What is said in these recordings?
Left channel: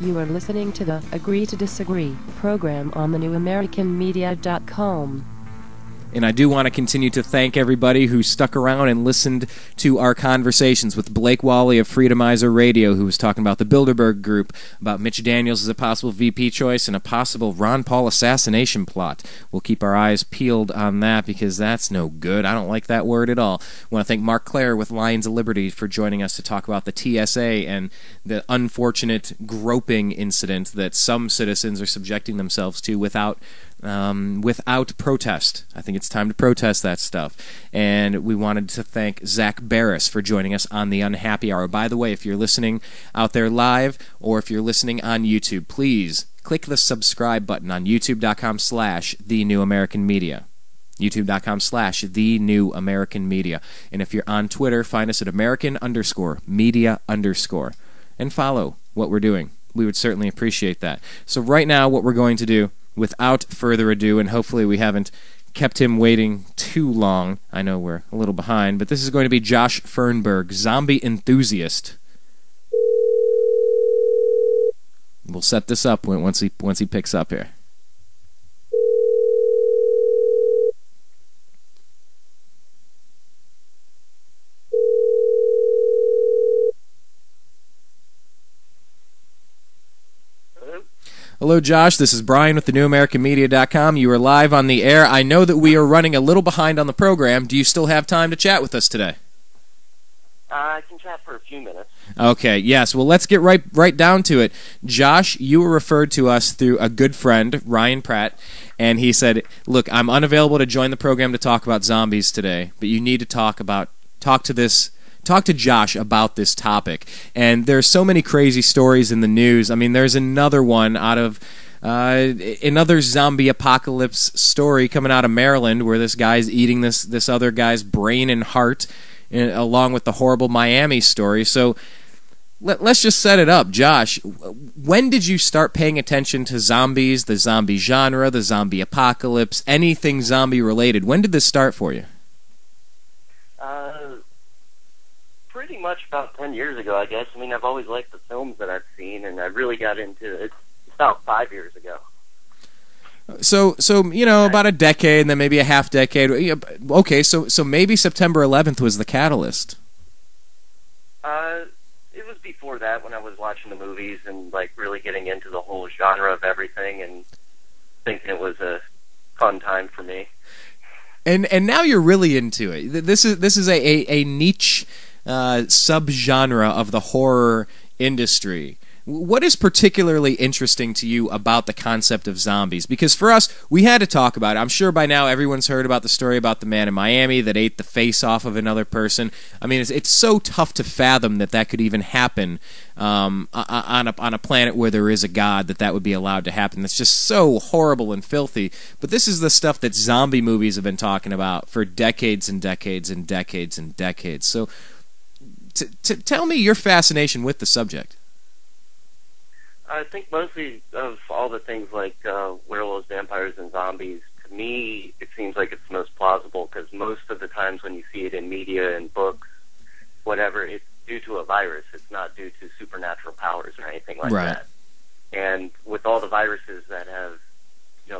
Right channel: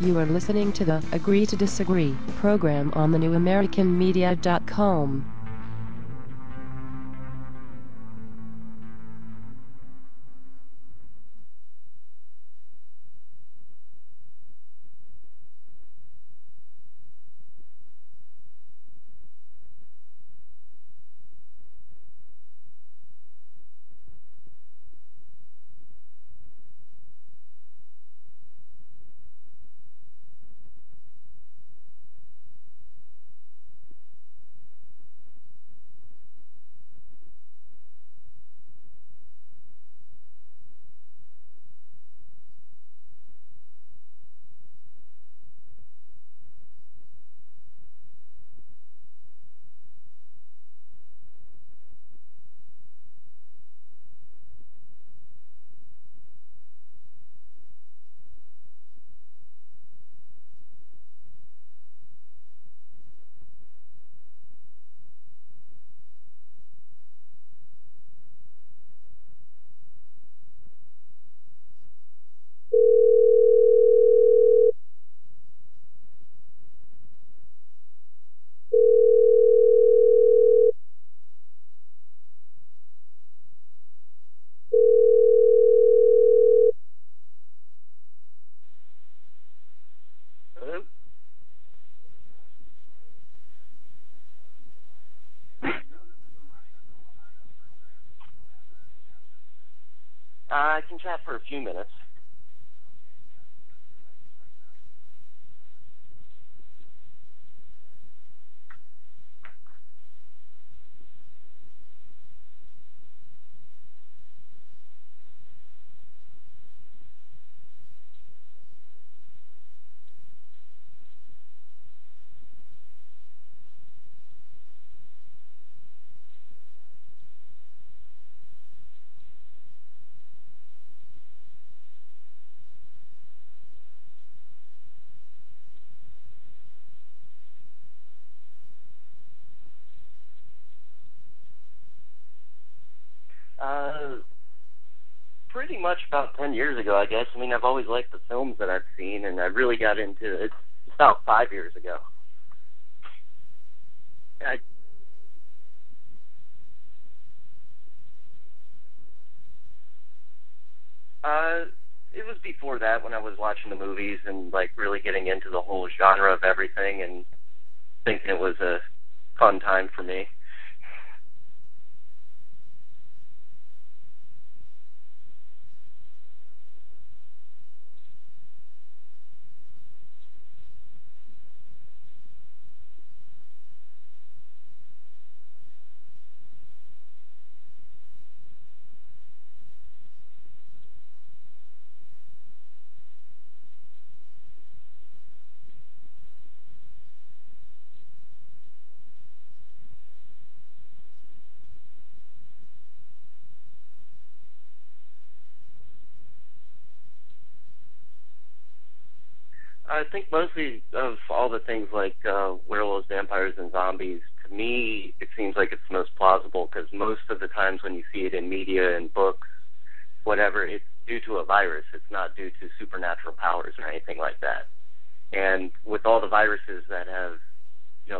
You are listening to the Agree to Disagree program on thenewamericanmedia.com. And I do want to continue to thank everybody who stuck around and listened to our conversations with Blake Wally of Freedomizer Radio, who was talking about the Bilderberg Group, about Mitch Daniels as a possible VP choice, and a possible Ron Paul assassination plot. We'll keep our eyes peeled on that because that's no good. I don't like that word at all. I want to thank Mark Clare with Lions of Liberty for joining us to talk about the TSA and the unfortunate groping incident that some citizens are subjecting themselves to without protest. I think it's time to protest that stuff. And we wanted to thank Zach Barris for joining us on the Unhappy Hour. By the way, if you're listening out there live or if you're listening on YouTube, please click the subscribe button on youtube.com/thenewamericanmedia. youtube.com/thenewamericanmedia. And if you're on Twitter, find us at American_media_. And follow what we're doing. We would certainly appreciate that. So right now, what we're going to do, without further ado, and hopefully we haven't kept him waiting too long. I know we're a little behind, but this is going to be Josh Fernberg, zombie enthusiast. We'll set this up once he picks up here. Hello, Josh. This is Brian with thenewamericanmedia.com. You are live on the air. I know that we are running a little behind on the program. Do you still have time to chat with us today? I can chat for a few minutes. Okay, yes. Well, let's get right down to it. Josh, you were referred to us through a good friend, Ryan Pratt, and he said, look, I'm unavailable to join the program to talk about zombies today, but you need to talk to Josh about this topic. And there's so many crazy stories in the news. I mean, there's another one out of another zombie apocalypse story coming out of Maryland where this guy's eating this other guy's brain and heart, along with the horrible Miami story. So let's just set it up. Josh, when did you start paying attention to zombies, the zombie genre, the zombie apocalypse, anything zombie related? When did this start for you? Pretty much about 10 years ago, I guess. I mean, I've always liked the films that I've seen, and I really got into it about 5 years ago. So about a decade, and then maybe a half decade. Okay, so maybe September 11th was the catalyst. It was before that when I was watching the movies and like really getting into the whole genre of everything and thinking it was a fun time for me. And now you're really into it. This is a niche subgenre of the horror industry. What is particularly interesting to you about the concept of zombies? Because for us, we had to talk about it. I'm sure by now everyone's heard about the story about the man in Miami that ate the face off of another person. I mean, it's so tough to fathom that could even happen on a planet where there is a God, that would be allowed to happen. That's just so horrible and filthy. But this is the stuff that zombie movies have been talking about for decades and decades and decades and decades. So tell me your fascination with the subject. I think mostly of all the things like werewolves, vampires, and zombies, to me, it seems like it's most plausible because most of the times when you see it in media and books, whatever, it's due to a virus. It's not due to supernatural powers or anything like that. And with all the viruses that have,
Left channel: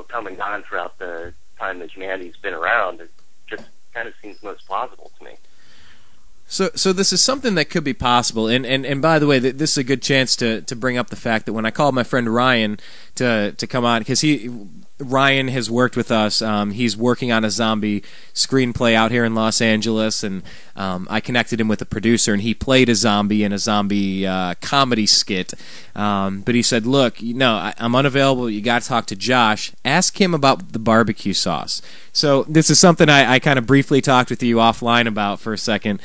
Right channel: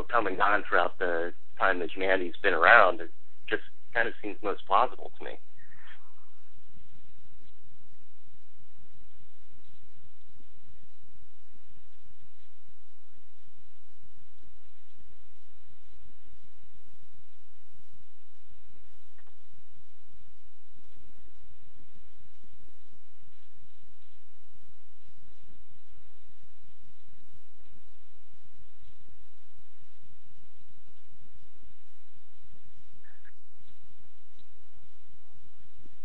come and gone throughout the time that humanity's been around, it just kind of seems most plausible to me. So this is something that could be possible, and by the way, this is a good chance to bring up the fact that when I called my friend Ryan to come on, because Ryan has worked with us. He's working on a zombie screenplay out here in Los Angeles, and I connected him with a producer, and he played a zombie in a zombie comedy skit. But he said, look, I'm unavailable. You got to talk to Josh. Ask him about the barbecue sauce. So this is something I kind of briefly talked with you offline about for a second.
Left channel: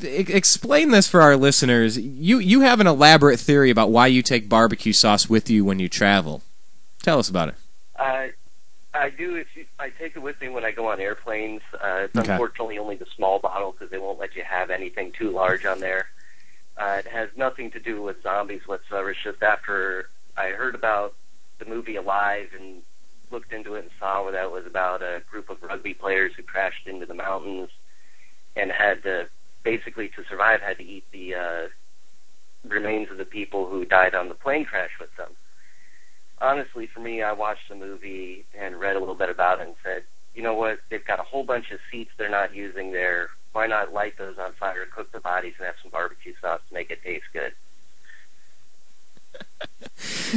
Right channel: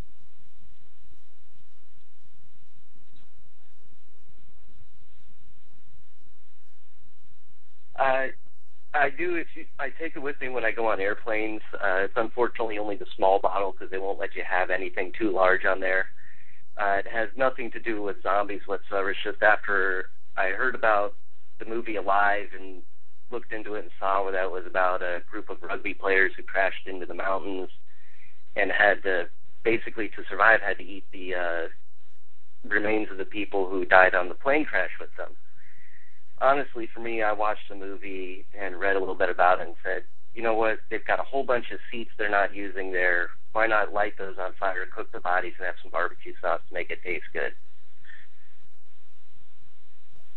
Explain this for our listeners. You have an elaborate theory about why you take barbecue sauce with you when you travel. Tell us about it. I do. I take it with me when I go on airplanes. It's unfortunately only the small bottle because they won't let you have anything too large on there. It has nothing to do with zombies whatsoever. It's just after I heard about the movie Alive and looked into it and saw where that was about a group of rugby players who crashed into the mountains and had to, basically to survive, had to eat the remains of the people who died on the plane crash with them. Honestly, for me, I watched the movie and read a little bit about it and said, you know what, they've got a whole bunch of seats they're not using there. Why not light those on fire, cook the bodies, and have some barbecue sauce to make it taste good?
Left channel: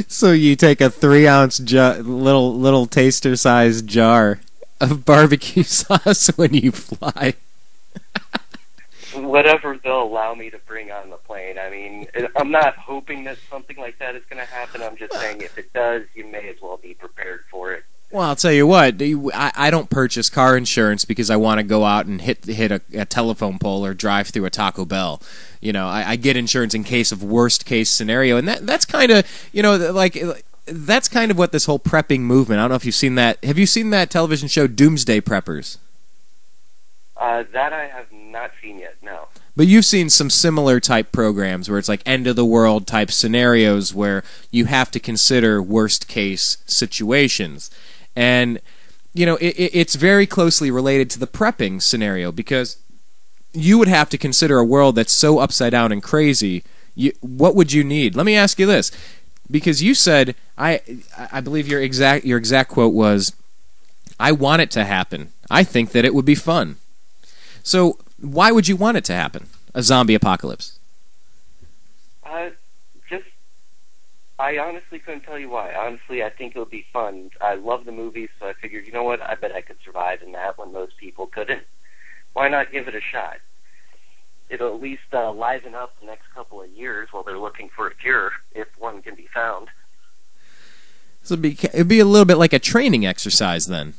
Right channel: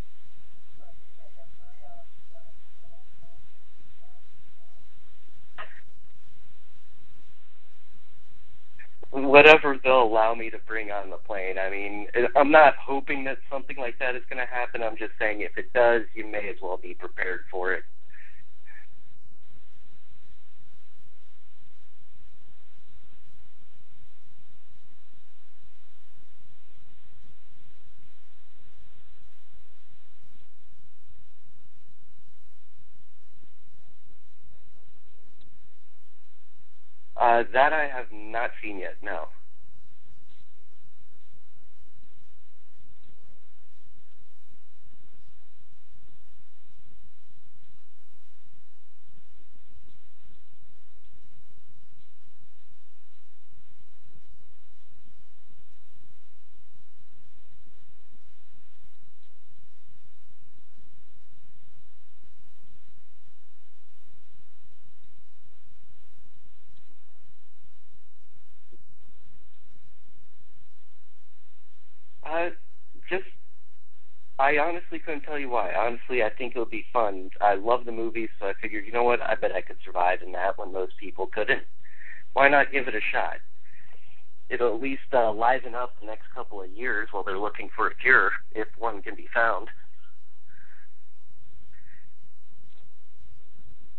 So you take a 3-ounce little taster-sized jar of barbecue sauce when you fly. Whatever they'll allow me to bring on the plane. I mean, I'm not hoping that something like that is going to happen. I'm just saying if it does, you may as well be prepared for it. Well, I'll tell you what, I don't purchase car insurance because I want to go out and hit a telephone pole or drive through a Taco Bell. You know, I get insurance in case of worst case scenario, and that's kind of, you know, like that's kind of what this whole prepping movement. I don't know if you've seen that. Have you seen that television show Doomsday Preppers? That I have not seen yet, no. But you've seen some similar type programs where it's like end of the world type scenarios where you have to consider worst case situations. And, you know, it's very closely related to the prepping scenario because you would have to consider a world that's so upside down and crazy. What would you need? Let me ask you this. Because you said, I believe your exact quote was, I want it to happen. I think that it would be fun. So why would you want it to happen? A zombie apocalypse? I honestly couldn't tell you why. Honestly, I think it would be fun. I love the movies, so I figured, you know what, I bet I could survive in that when most people couldn't. Why not give it a shot? It'll at least liven up the next couple of years while they're looking for a cure, if one can be found. So it'd be a little bit like a training exercise then.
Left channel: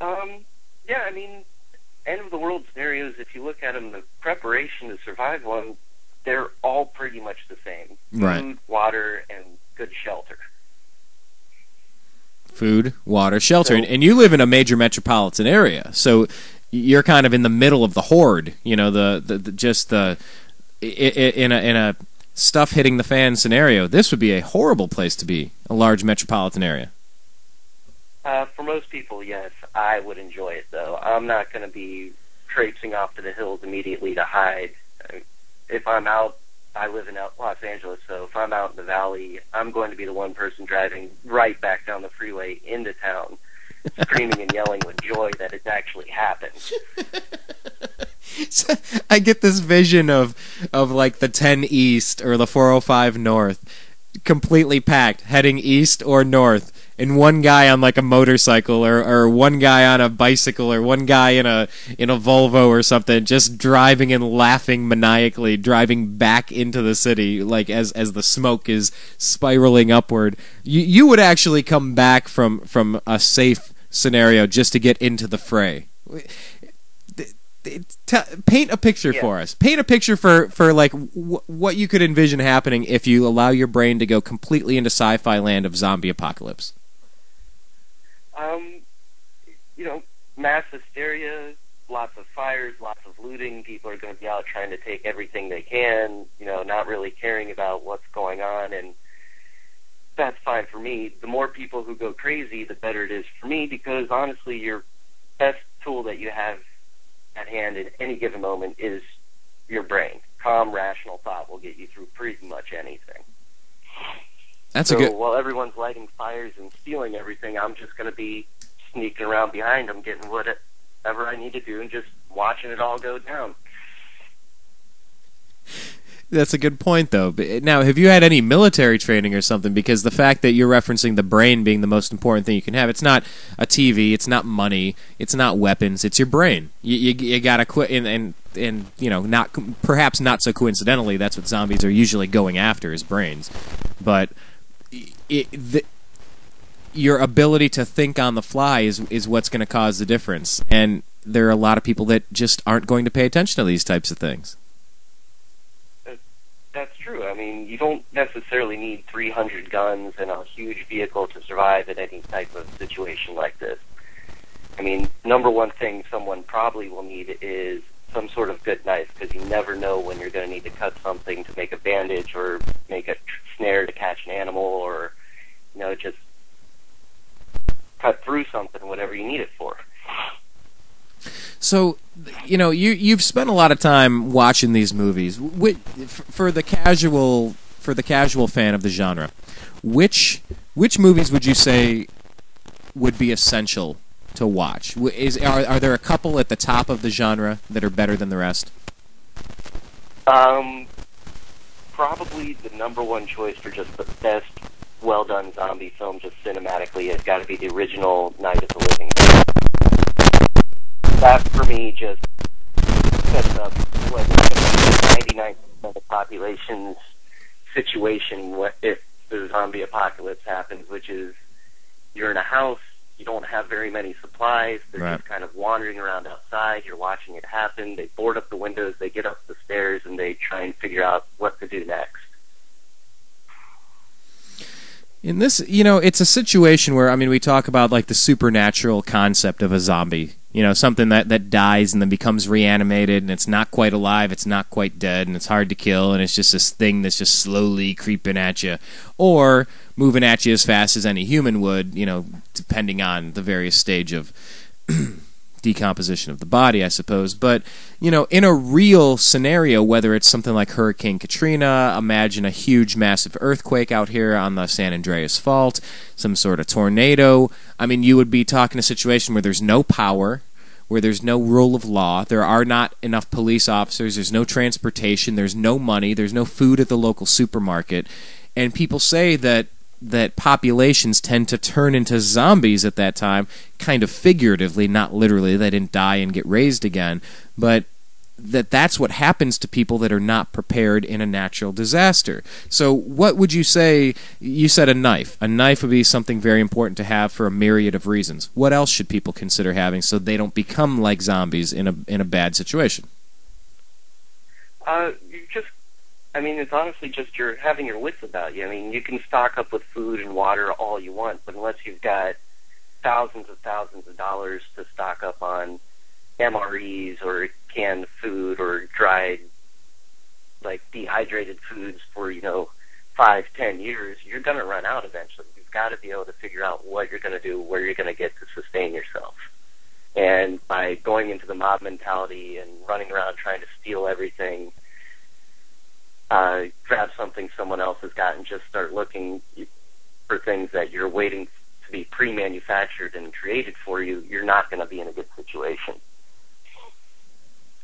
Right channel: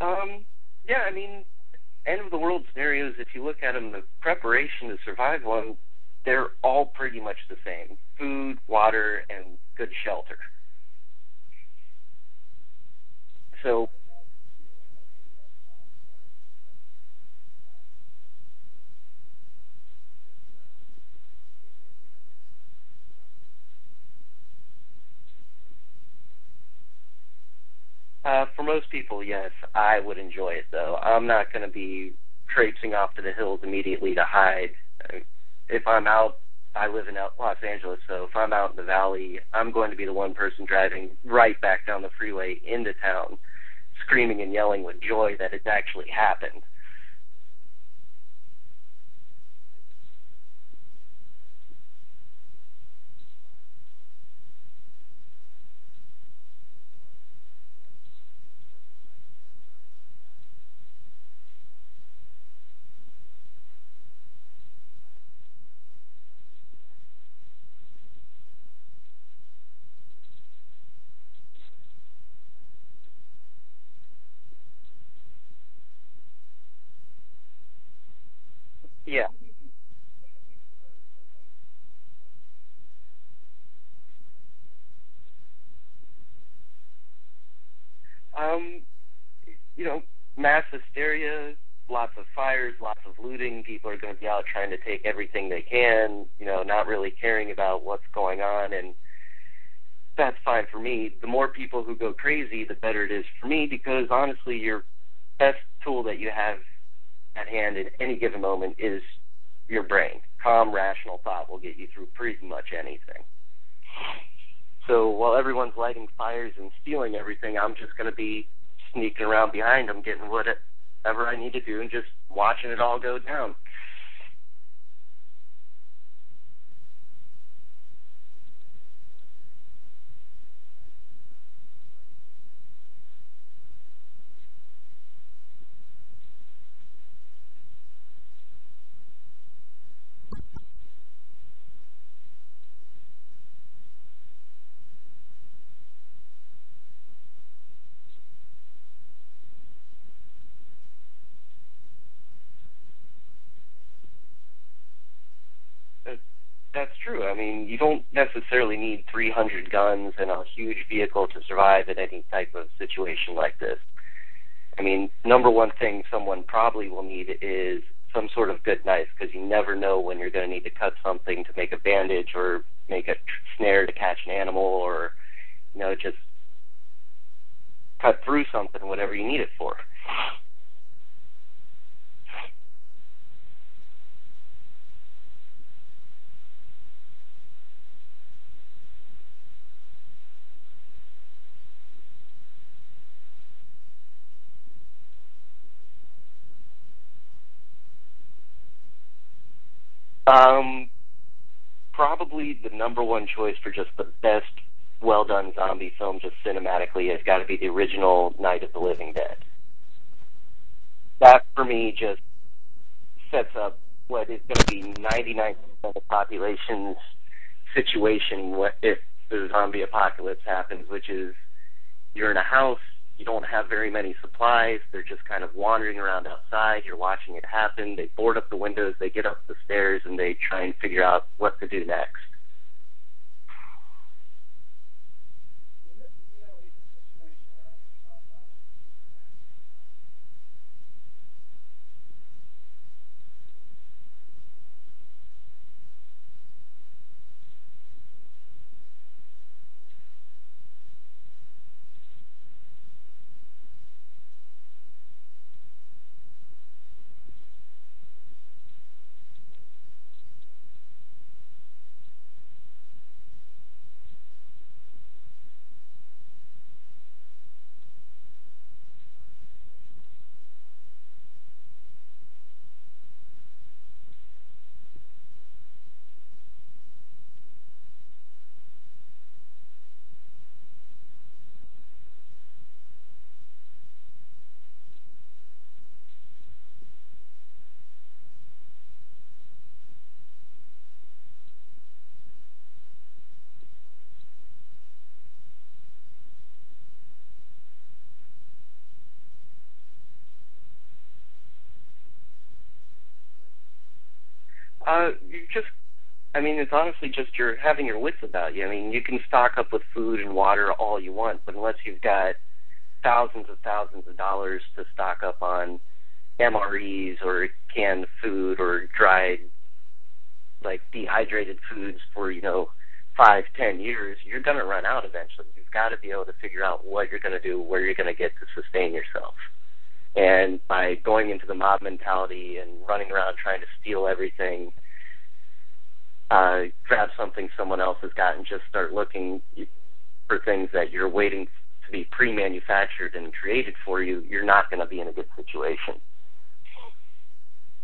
Yeah, I mean, end of the world scenarios, if you look at them, the preparation to survive one, they're all pretty much the same. Right. Food, water, and good shelter. Food, water, shelter. So, and you live in a major metropolitan area, so you're kind of in the middle of the horde, you know, in a stuff hitting the fan scenario. This would be a horrible place to be, a large metropolitan area. For most people, yes, I would enjoy it, though. I'm not going to be traipsing off to the hills immediately to hide. If I'm out, I live in Los Angeles, so if I'm out in the valley, I'm going to be the one person driving right back down the freeway into town, screaming and yelling with joy that it's actually happened. So I get this vision of like the 10 East or the 405 North, completely packed, heading east or north, and one guy on like a motorcycle or one guy on a bicycle or one guy in a Volvo or something, just driving and laughing maniacally, driving back into the city like as the smoke is spiraling upward. You would actually come back from a safe scenario just to get into the fray. Paint a picture for us. Paint a picture for like what you could envision happening if you allow your brain to go completely into sci-fi land of zombie apocalypse. You know, mass hysteria, lots of fires, lots of looting. People are going to be out trying to take everything they can, you know, not really caring about what's going on, and that's fine for me. The more people who go crazy, the better it is for me, because honestly, your best tool that you have at hand in any given moment is your brain. Calm, rational thought will get you through pretty much anything. So while everyone's lighting fires and stealing everything, I'm just going to be sneaking around behind them, getting whatever I need to do, and just watching it all go down. That's a good point, though. Now, have you had any military training or something? Because the fact that you're referencing the brain being the most important thing you can have, it's not a TV, it's not money, it's not weapons, it's your brain. You gotta quit, and you know, perhaps not so coincidentally, that's what zombies are usually going after, is brains. But your ability to think on the fly is what's going to cause the difference. And there are a lot of people that just aren't going to pay attention to these types of things. That's true. I mean, you don't necessarily need 300 guns and a huge vehicle to survive in any type of situation like this. I mean, number one thing someone probably will need is some sort of good knife, because you never know when you're going to need to cut something to make a bandage or make a snare to catch an animal, or, you know, just cut through something, whatever you need it for. So, you've spent a lot of time watching these movies. For the casual fan of the genre, which movies would you say would be essential to watch? Are there a couple at the top of the genre that are better than the rest? Probably the number one choice for just the best, well-done zombie film, just cinematically, has got to be the original Night of the Living Dead. That, for me, just sets up what is going to be the 99% of the population's situation if the zombie apocalypse happens, which is you're in a house, you don't have very many supplies, they're right. just kind of wandering around outside, you're watching it happen, they board up the windows, they get up the stairs, and they try and figure out what to do next. In this, it's a situation where, we talk about like the supernatural concept of a zombie. Something that dies and then becomes reanimated, and it's not quite alive, it's not quite dead, and it's hard to kill, and it's just this thing that's just slowly creeping at you, or moving at you as fast as any human would, depending on the various stage of decomposition of the body, I suppose. But, in a real scenario, whether it's something like Hurricane Katrina, imagine a huge, massive earthquake out here on the San Andreas Fault, some sort of tornado. You would be talking a situation where there's no power, where there's no rule of law, there are not enough police officers, there's no transportation, there's no money, there's no food at the local supermarket, and people say that populations tend to turn into zombies at that time, kind of figuratively, not literally. They didn't die and get raised again, but that's what happens to people that are not prepared in a natural disaster. So what would you say? You said a knife. A knife would be something very important to have for a myriad of reasons. What else should people consider having so they don't become like zombies in a bad situation? It's honestly just you're having your wits about you. You can stock up with food and water all you want, but unless you've got thousands of dollars to stock up on MREs or canned food or dried, dehydrated foods for, 5-10 years, you're going to run out eventually. You've got to be able to figure out what you're going to do, where you're going to get to sustain yourself. And by going into the mob mentality and running around trying to steal everything, grab something someone else has got and just start looking for things that you're waiting to be pre-manufactured and created for you, you're not going to be in a good situation.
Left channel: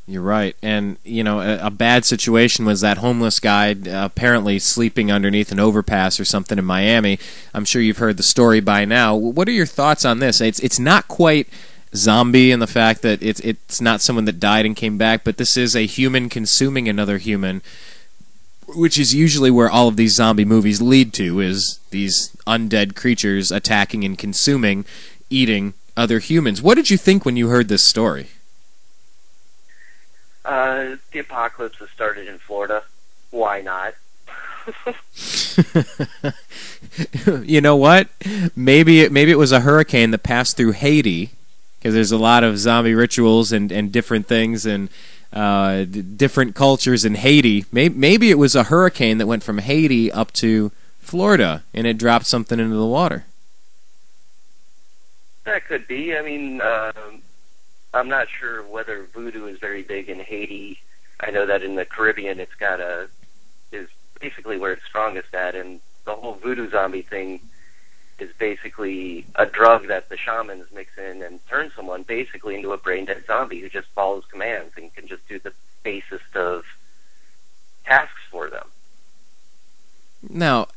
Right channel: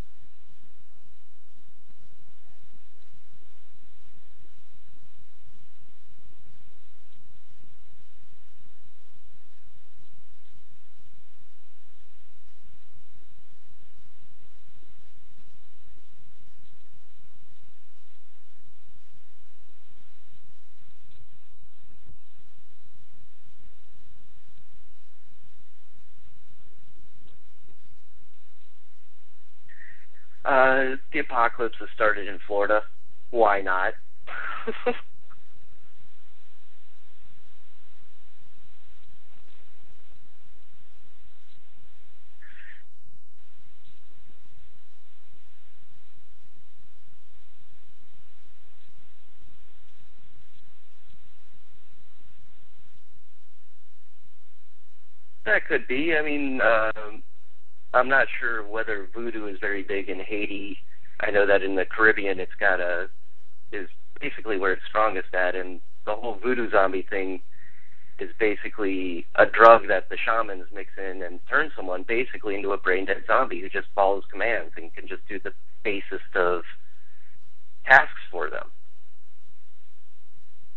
You're right. And, a bad situation was that homeless guy apparently sleeping underneath an overpass or something in Miami. I'm sure you've heard the story by now. What are your thoughts on this? It's not quite zombie in the fact that it's not someone that died and came back, but this is a human consuming another human, which is usually where all of these zombie movies lead to, is these undead creatures attacking and consuming, eating other humans. What did you think when you heard this story? The apocalypse has started in Florida. Why not? You know what? Maybe it was a hurricane that passed through Haiti, because there's a lot of zombie rituals and different things and different cultures in Haiti. Maybe it was a hurricane that went from Haiti up to Florida and it dropped something into the water. That could be. I'm not sure whether voodoo is very big in Haiti. I know that in the Caribbean is basically where it's strongest at, and the whole voodoo zombie thing is basically a drug that the shamans mix in and turn someone basically into a brain-dead zombie who just follows commands and can just do the basest of tasks for them. Now,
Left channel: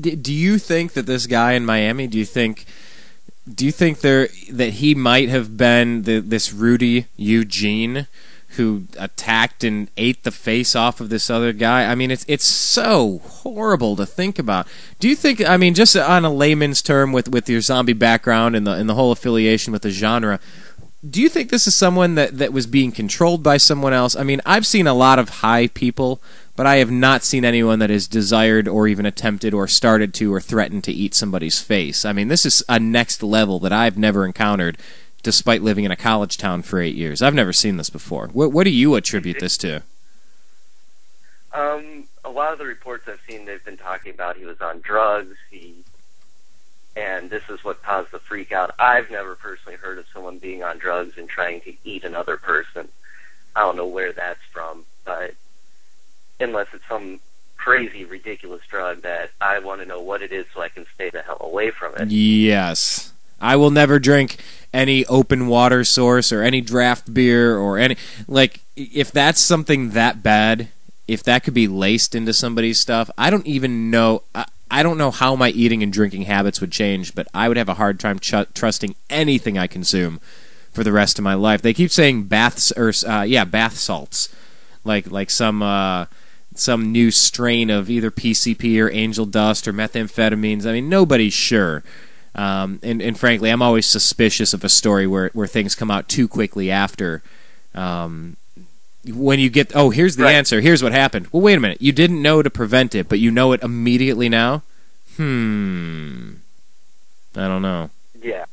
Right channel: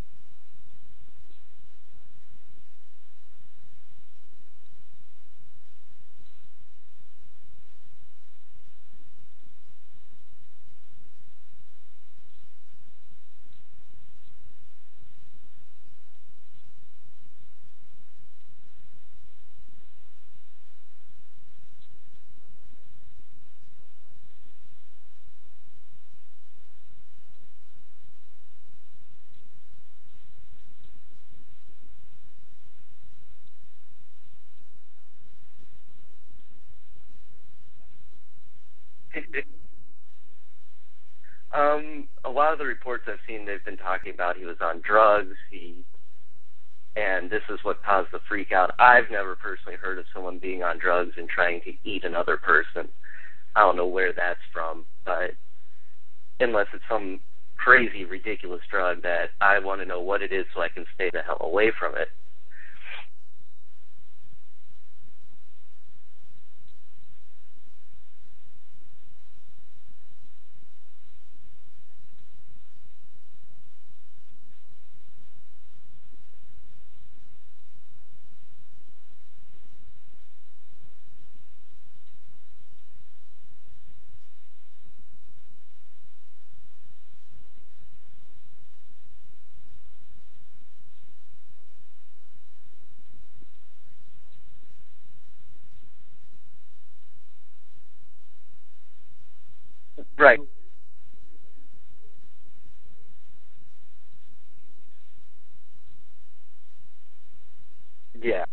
do you think that this guy in Miami, do you think that he might have been this Rudy Eugene who attacked and ate the face off of this other guy? It's so horrible to think about. Do you think, just on a layman's term with your zombie background and the whole affiliation with the genre, do you think this is someone that was being controlled by someone else? I've seen a lot of high people, but I have not seen anyone that has desired or even attempted or started to or threatened to eat somebody's face. This is a next level that I've never encountered, despite living in a college town for 8 years. I've never seen this before. What do you attribute this to? A lot of the reports I've seen, they've been talking about he was on drugs. He and this is what caused the freak out. I've never personally heard of someone being on drugs and trying to eat another person. I don't know where that's from, but unless it's some crazy, ridiculous drug that I want to know what it is so I can stay the hell away from it. Yes. I will never drink any open water source or any draft beer or any... Like, if that's something that bad, if that could be laced into somebody's stuff, I don't even know... I don't know how my eating and drinking habits would change, but I would have a hard time trusting anything I consume for the rest of my life. They keep saying bath salts, like some new strain of either PCP or angel dust or methamphetamines. I mean, nobody's sure. And frankly, I'm always suspicious of a story where things come out too quickly after. When you get, here's the answer, here's what happened. Well, wait a minute. You didn't know to prevent it, but you know it immediately now? I don't know. Yeah.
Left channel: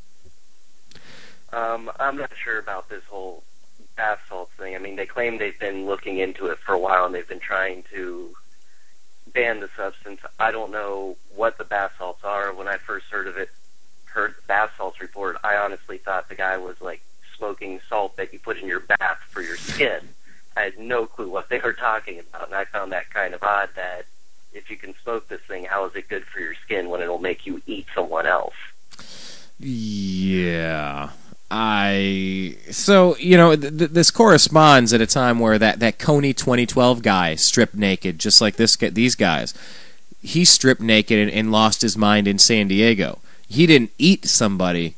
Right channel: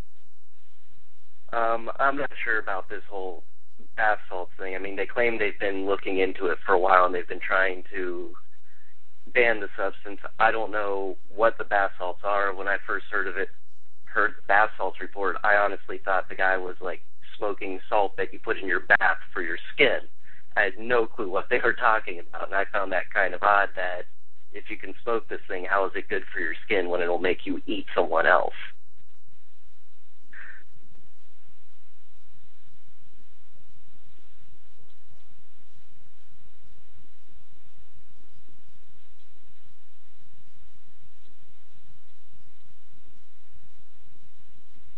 I'm not sure about this whole bath salts thing. I mean, they claim they've been looking into it for a while, and they've been trying to ban the substance. I don't know what the bath salts are. When I first heard the bath salts report, I honestly thought the guy was, like, smoking salt that you put in your bath for your skin. I had no clue what they were talking about, and I found that kind of odd that if you can smoke this thing, how is it good for your skin when it'll make you eat someone else? Yeah. So, you know, this corresponds at a time where that Coney 2012 guy stripped naked, just like these guys. He stripped naked and lost his mind in San Diego. He didn't eat somebody,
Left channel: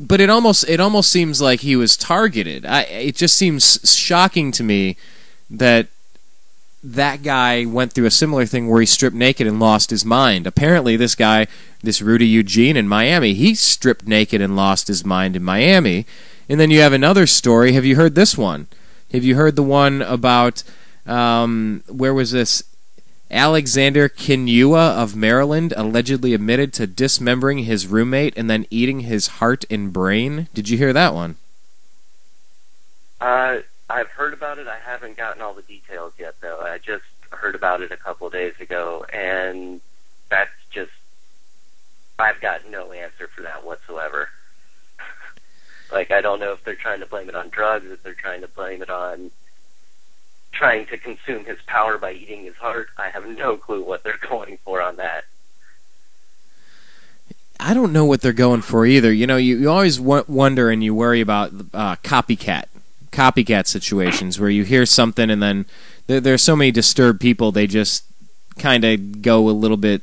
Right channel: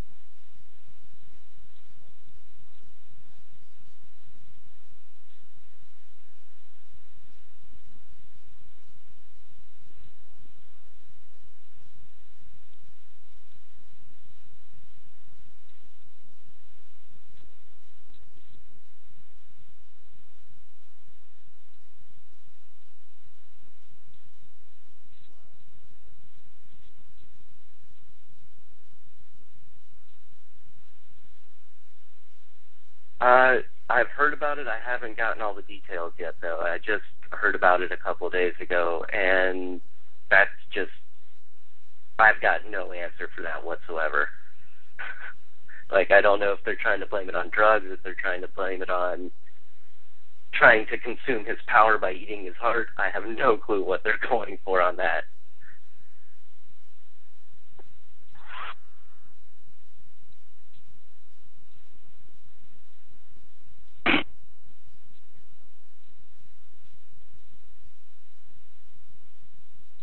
but it almost seems like he was targeted. It just seems shocking to me that guy went through a similar thing where he stripped naked and lost his mind. Apparently, this guy, this Rudy Eugene in Miami, he stripped naked and lost his mind in Miami. And then you have another story. Have you heard this one? Have you heard the one about, where was this? Alexander Kinua of Maryland allegedly admitted to dismembering his roommate and then eating his heart and brain. Did you hear that one? I've heard about it. I haven't gotten all the details yet, though. I just heard about it a couple of days ago, and that's just... I've got no answer for that whatsoever. Like, I don't know if they're trying to blame it on drugs, if they're trying to blame it on trying to consume his power by eating his heart. I have no clue what they're going for on that. I don't know what they're going for either. You know, you always wonder and you worry about copycat situations where you hear something and then there are so many disturbed people, they just kind of go a little bit,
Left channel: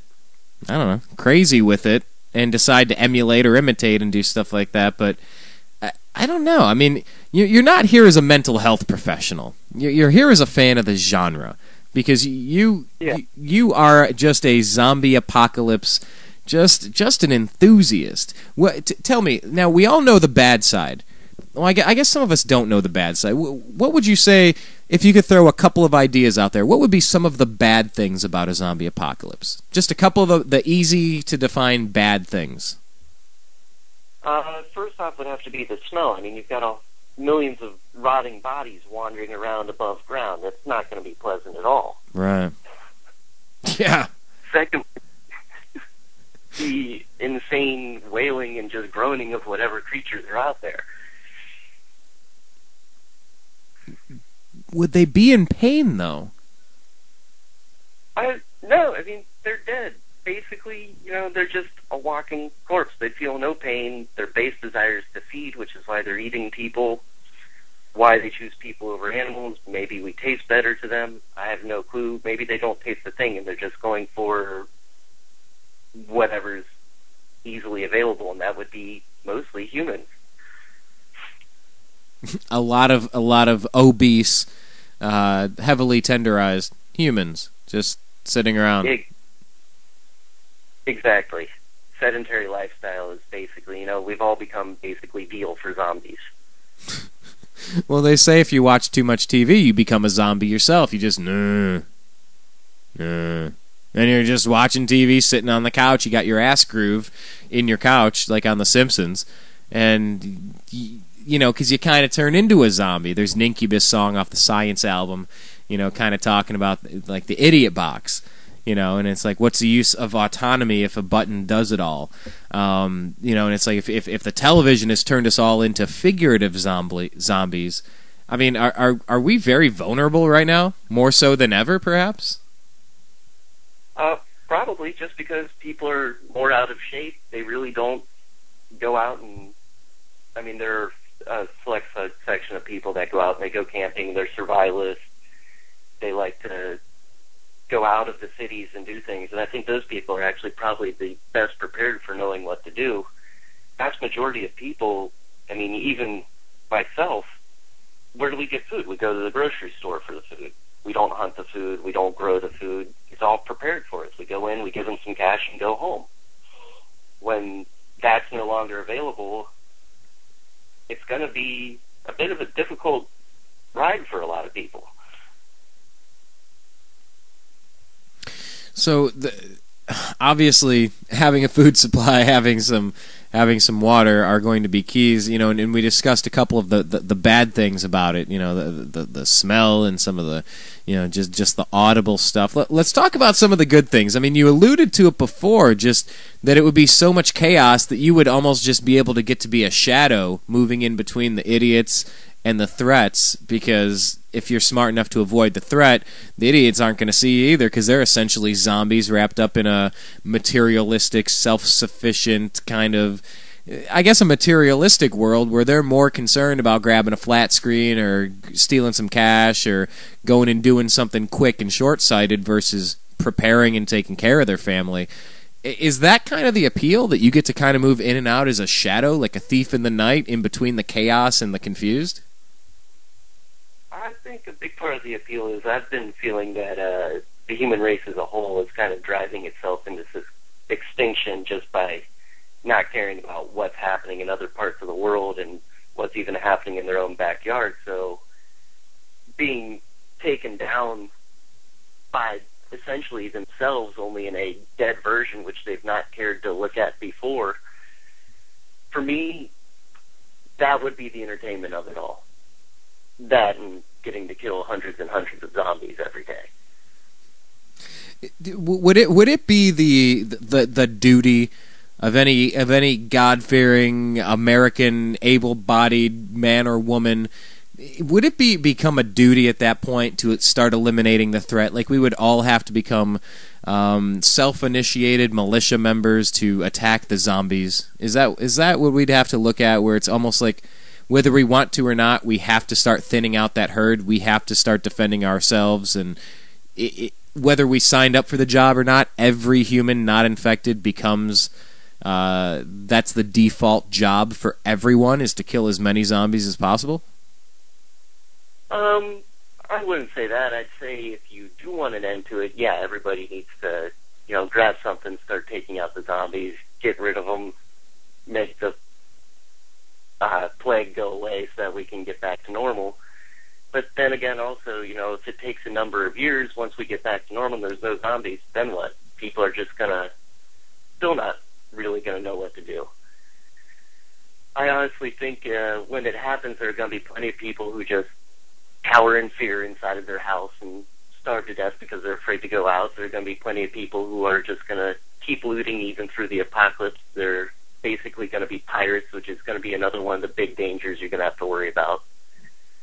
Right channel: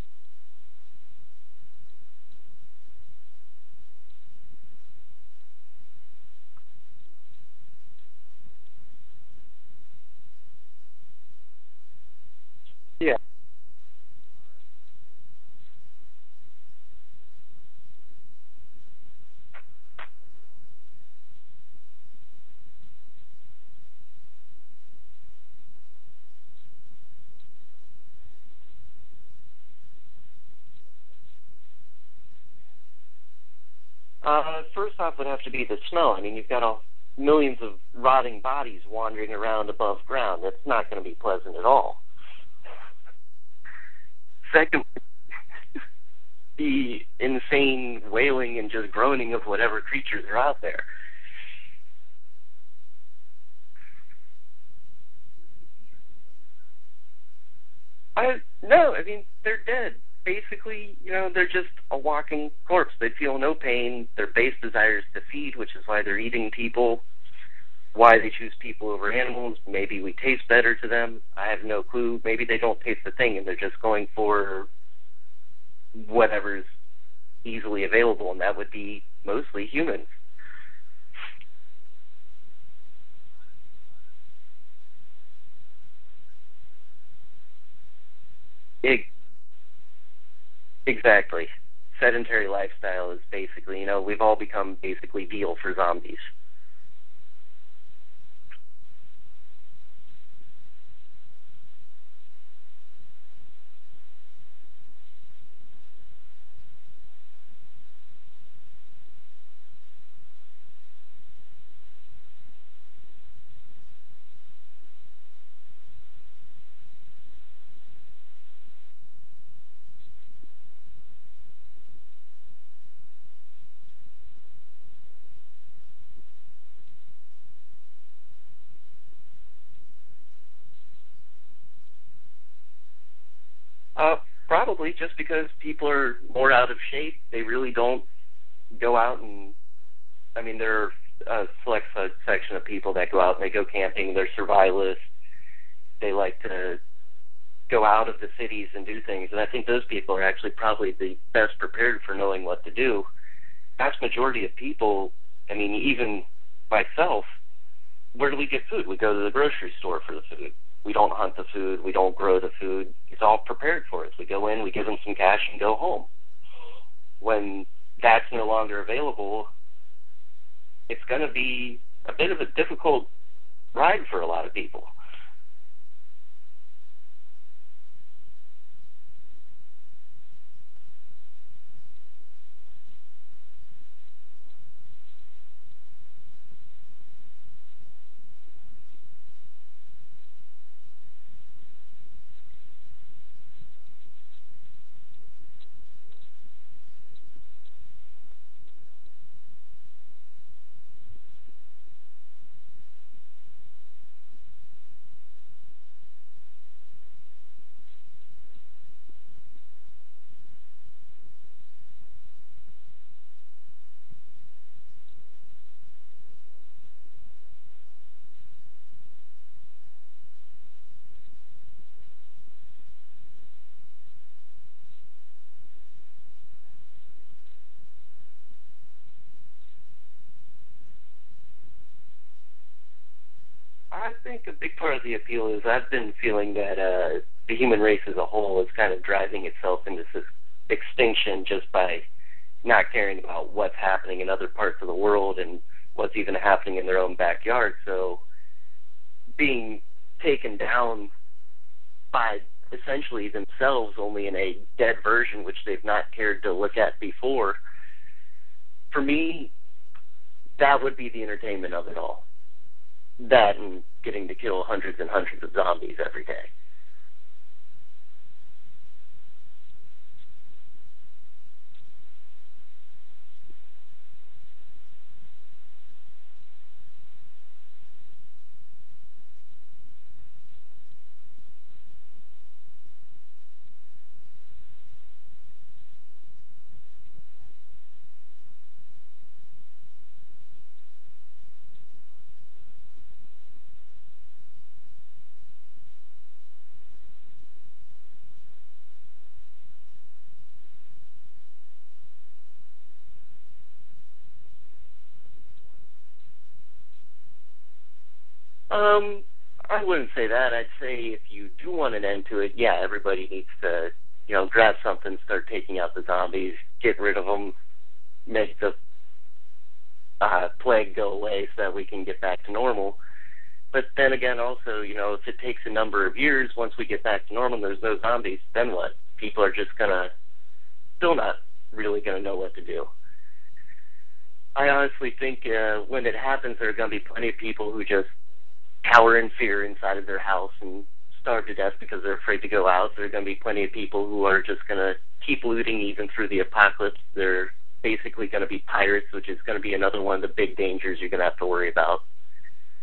I don't know, crazy with it and decide to emulate or imitate and do stuff like that. But I don't know. I mean, you're not here as a mental health professional. You're here as a fan of the genre because you are just a zombie apocalypse, just an enthusiast. Tell me, now we all know the bad side. Well, I guess some of us don't know the bad side. What would you say, if you could throw a couple of ideas out there, what would be some of the bad things about a zombie apocalypse? Just a couple of the easy-to-define bad things. First off would have to be the smell. I mean, you've got millions of rotting bodies wandering around above ground. That's not going to be pleasant at all. Right. Yeah. Second, the insane wailing and just groaning of whatever creatures are out there. Would they be in pain, though? No, I mean, they're dead. Basically, you know, they're just a walking corpse. They feel no pain. Their base desire is to feed, which is why they're eating people, why they choose people over animals. Maybe we taste better to them. I have no clue. Maybe they don't taste a thing, and they're just going for whatever's easily available, and that would be mostly humans. a lot of obese, heavily tenderized humans just sitting around. Exactly. Sedentary lifestyle is basically, you know, we've all become basically veal for zombies. Well, they say if you watch too much TV, you become a zombie yourself. You just, and you're just watching TV, sitting on the couch. You got your ass groove in your couch, like on The Simpsons. And, you know, because you kind of turn into a zombie. There's an Incubus song off the Science album, you know, kind of talking about, like, the idiot box. You know, and it's like, what's the use of autonomy if a button does it all? And it's like if the television has turned us all into figurative zombies, I mean, are we very vulnerable right now, more so than ever, perhaps? Probably just because people are more out of shape. They really don't go out and, I mean, there are a select section of people that go out and they go camping. They're survivalists. They like to go out of the cities and do things. And I think those people are actually probably the best prepared for knowing what to do. Vast majority of people, I mean, even myself, where do we get food? We go to the grocery store for the food. We don't hunt the food. We don't grow the food. It's all prepared for us. We go in, we give them some cash, and go home. When that's no longer available, it's going to be a bit of a difficult ride for a lot of people. So, obviously, having a food supply, having some water are going to be keys, and we discussed a couple of the bad things about it, the smell and some of the, just the audible stuff. Let's talk about some of the good things. I mean, you alluded to it before, just that it would be so much chaos that you would almost just be able to get to be a shadow moving in between the idiots and the threats, because if you're smart enough to avoid the threat, the idiots aren't going to see you either, because they're essentially zombies wrapped up in a materialistic, self-sufficient kind of, I guess, a materialistic world where they're more concerned about grabbing a flat screen or stealing some cash or going and doing something quick and short-sighted versus preparing and taking care of their family. Is that kind of the appeal, that you get to kind of move in and out as a shadow, like a thief in the night, in between the chaos and the confused? I think a big part of the appeal is I've been feeling that the human race as a whole is kind of driving itself into this extinction just by not caring about what's happening in other parts of the world and what's even happening in their own backyard. So being taken down by essentially themselves, only in a dead version, which they've not cared to look at before, for me, that would be the entertainment of it all. That and getting to kill hundreds and hundreds of zombies every day. Would it be the duty of any God-fearing American able-bodied man or woman? Would it become a duty at that point to start eliminating the threat? Like, we would all have to become self-initiated militia members to attack the zombies? Is that what we'd have to look at, where it's almost like, whether we want to or not, we have to start thinning out that herd. We have to start defending ourselves. And whether we signed up for the job or not, every human not infected becomes, that's the default job for everyone, is to kill as many zombies as possible? I wouldn't say that. I'd say if you do want an end to it, yeah, everybody needs to, grab something, start taking out the zombies, get rid of them, make the plague go away so that we can get back to normal. But then again, also, if it takes a number of years, once we get back to normal and there's no zombies, then what? People are just still not really gonna know what to do. I honestly think when it happens, there are gonna be plenty of people who just cower in fear inside of their house and starve to death because they're afraid to go out. There are gonna be plenty of people who are just gonna keep looting even through the apocalypse. They're basically going to be pirates, which is going to be another one of the big dangers you're going to have to worry about,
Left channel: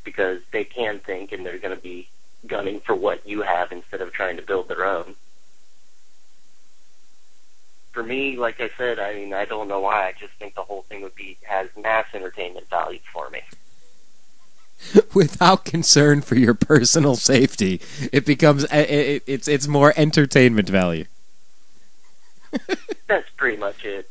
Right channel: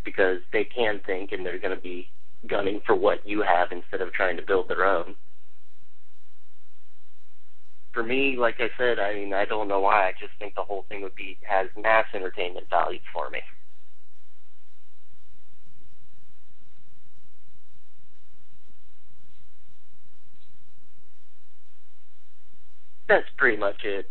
because they can think and they're going to be gunning for what you have instead of trying to build their own. For me, like I said, I mean, I don't know why. I just think the whole thing has mass entertainment value for me. Without concern for your personal safety, it becomes it's more entertainment value. That's pretty much it.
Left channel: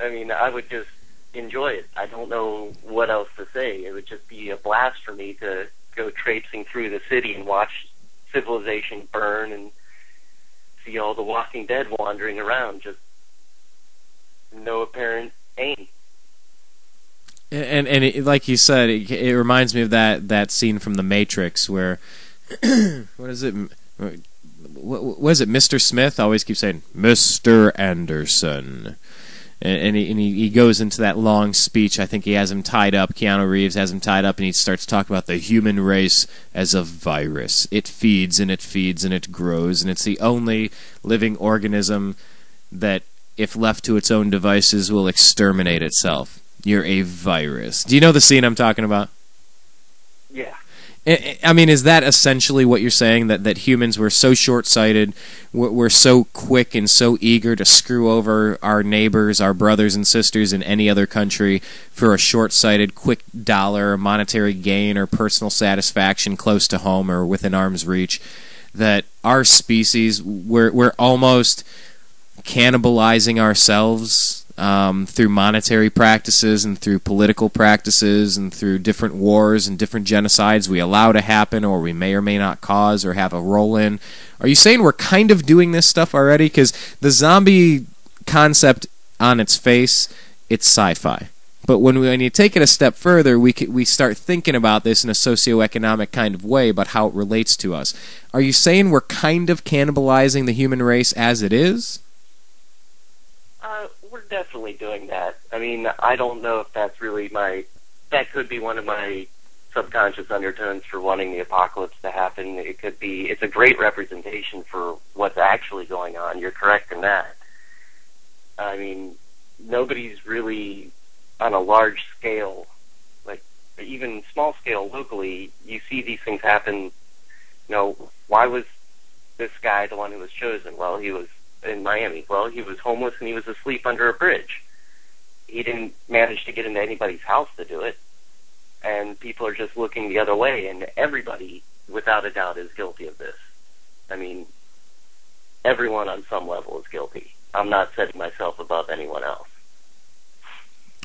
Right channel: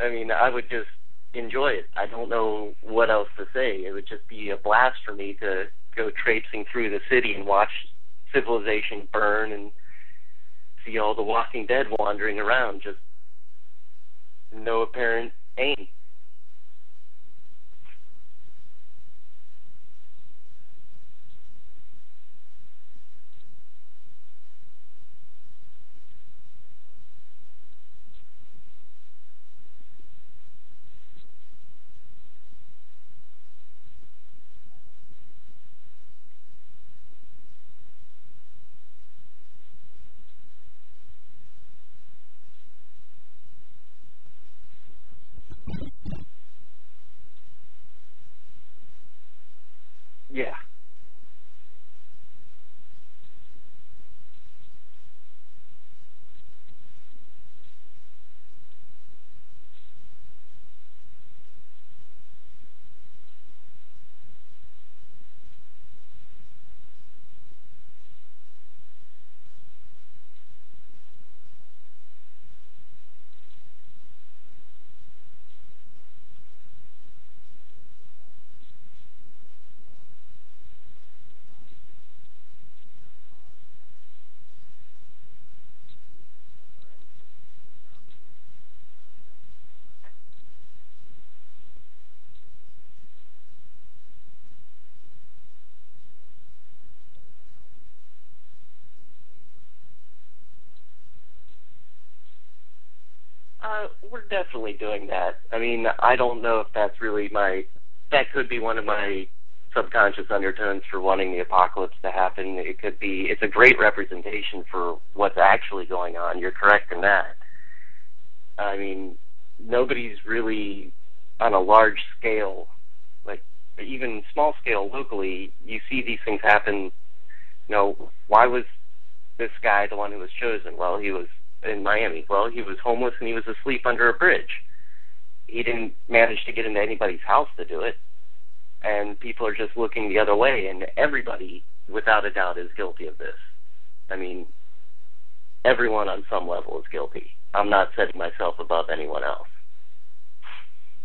I mean, I would just enjoy it. I don't know what else to say. It would just be a blast for me to go traipsing through the city and watch civilization burn and see all the Walking Dead wandering around, just no apparent aim. And like you said, it reminds me of that scene from The Matrix where, what is it, Mr. Smith? I always keep saying, Mr. Anderson. And he goes into that long speech. I think he has him tied up. Keanu Reeves has him tied up, and he starts talking about the human race as a virus. It feeds and it feeds and it grows, and it's the only living organism that if left to its own devices, will exterminate itself. You're a virus. Do you know the scene I'm talking about? Yeah. I mean, is that essentially what you're saying, that humans were so short-sighted, we're so quick and so eager to screw over our neighbors, our brothers and sisters in any other country for a short-sighted, quick dollar, monetary gain, or personal satisfaction close to home or within arm's reach, that our species, we're almost cannibalizing ourselves through monetary practices and through political practices and through different wars and different genocides we allow to happen or we may or may not cause or have a role in. Are you saying we're kind of doing this stuff already? Because the zombie concept on its face, it's sci-fi. But when you take it a step further, we start thinking about this in a socioeconomic kind of way about how it relates to us. Are you saying we're kind of cannibalizing the human race as it is? We're definitely doing that. I mean, I don't know if that's really that could be one of my subconscious undertones for wanting the apocalypse to happen. It could be, it's a great representation for what's actually going on. You're correct in that. I mean, nobody's really on a large scale, like even small scale locally, you see these things happen. You know, why was this guy the one who was chosen? Well, he was in Miami. Well, he was homeless and he was asleep under a bridge. He didn't manage to get into anybody's house to do it, and people are just looking the other way, and everybody, without a doubt, is guilty of this. I mean, everyone on some level is guilty. I'm not setting myself above anyone else.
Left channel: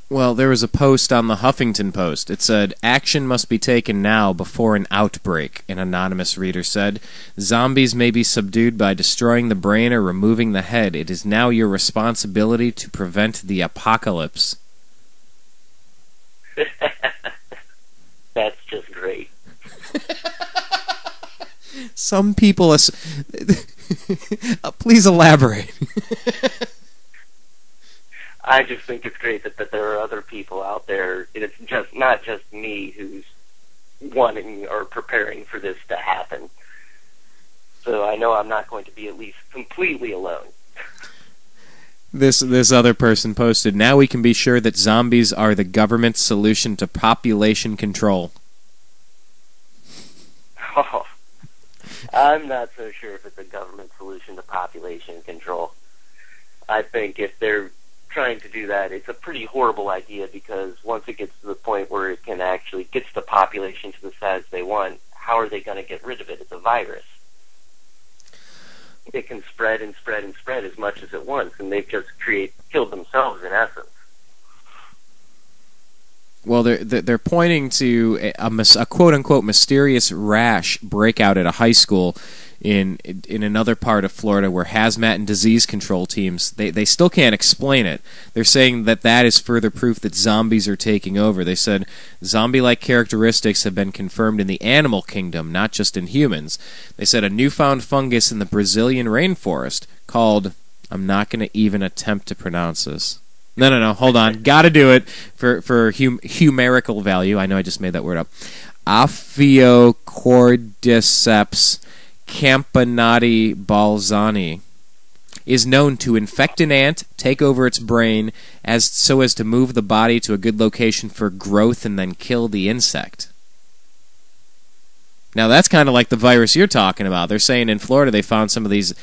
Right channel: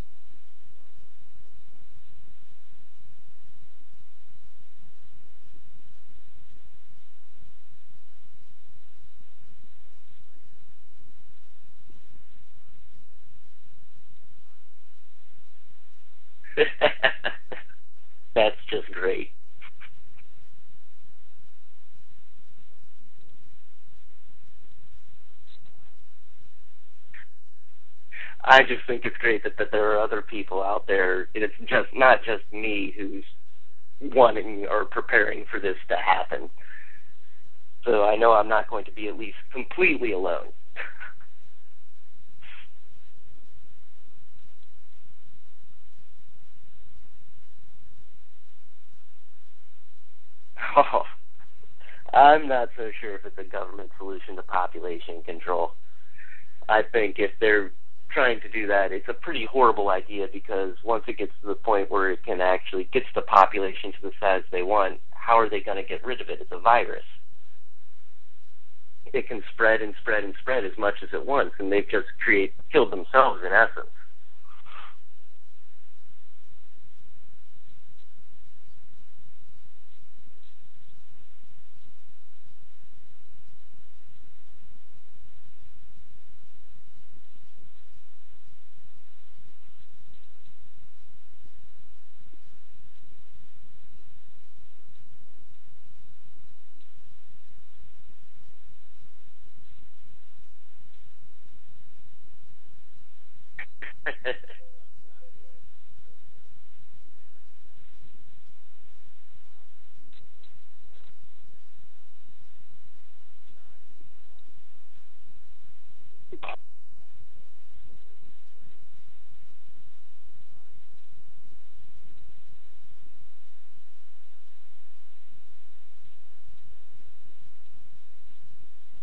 Well, there was a post on the Huffington Post. It said, "Action must be taken now before an outbreak," an anonymous reader said. "Zombies may be subdued by destroying the brain or removing the head. It is now your responsibility to prevent the apocalypse." That's just great. Some people... Please elaborate. I just think it's great that there are other people out there. It's just not just me who's wanting or preparing for this to happen. So I know I'm not going to be at least completely alone. This other person posted, "Now we can be sure that zombies are the government's solution to population control." Oh, I'm not so sure if it's a government solution to population control. I think if they're trying to do that, it's a pretty horrible idea, because once it gets to the point where it can actually gets the population to the size they want, how are they going to get rid of it? It's a virus. It can spread and spread and spread as much as it wants, and they've just killed themselves in essence. Well, they're pointing to a quote-unquote mysterious rash breakout at a high school in another part of Florida where hazmat and disease control teams, they still can't explain it. They're saying that is further proof that zombies are taking over. They said zombie-like characteristics have been confirmed in the animal kingdom, not just in humans. They said a newfound fungus in the Brazilian rainforest called, I'm not going to even attempt to pronounce this. No, hold on. Gotta do it for humerical value. I know I just made that word up. Ophiocordyceps campanati balzani is known to infect an ant, take over its brain, so as to move the body to a good location for growth and then kill the insect. Now that's kind of like the virus you're talking about. They're saying in Florida they found some of these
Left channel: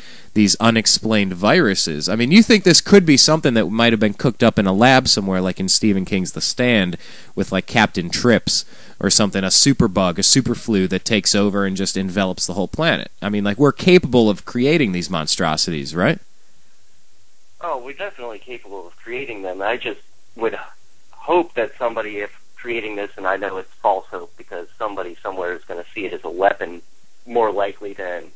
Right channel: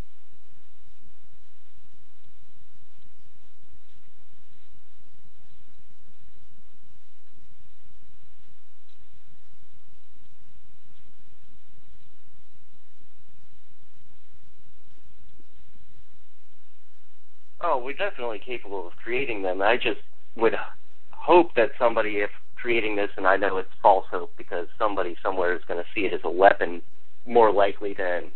unexplained viruses. I mean, you think this could be something that might have been cooked up in a lab somewhere, like in Stephen King's The Stand, with like Captain Trips or something, a superbug, a superflu that takes over and just envelops the whole planet. I mean, like, we're capable of creating these monstrosities, right? Oh, we're definitely capable of creating them. I just would hope that somebody, if creating this, and I know it's false hope because somebody somewhere is going to see it as a weapon more likely than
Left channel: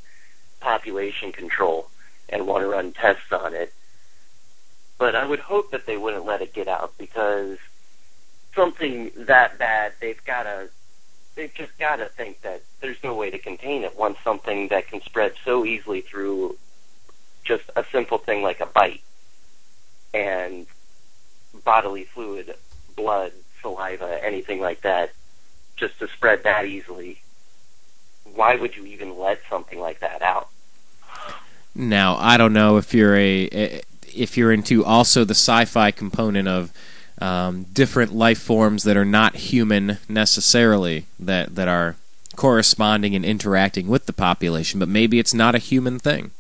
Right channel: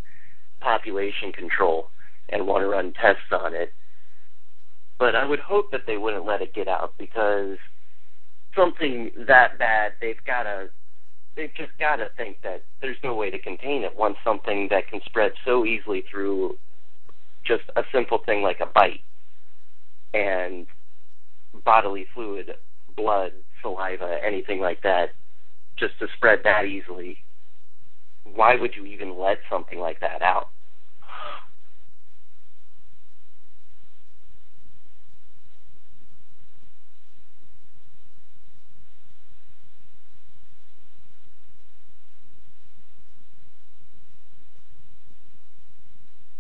population control and want to run tests on it. But I would hope that they wouldn't let it get out, because something that bad, they've just got to think that there's no way to contain it once something that can spread so easily through just a simple thing like a bite and bodily fluid, blood, saliva, anything like that, just to spread that easily. Why would you even let something like that out? Now, I don't know if you're if you're into also the sci-fi component of different life forms that are not human necessarily, that are corresponding and interacting with the population, but maybe it's not a human thing.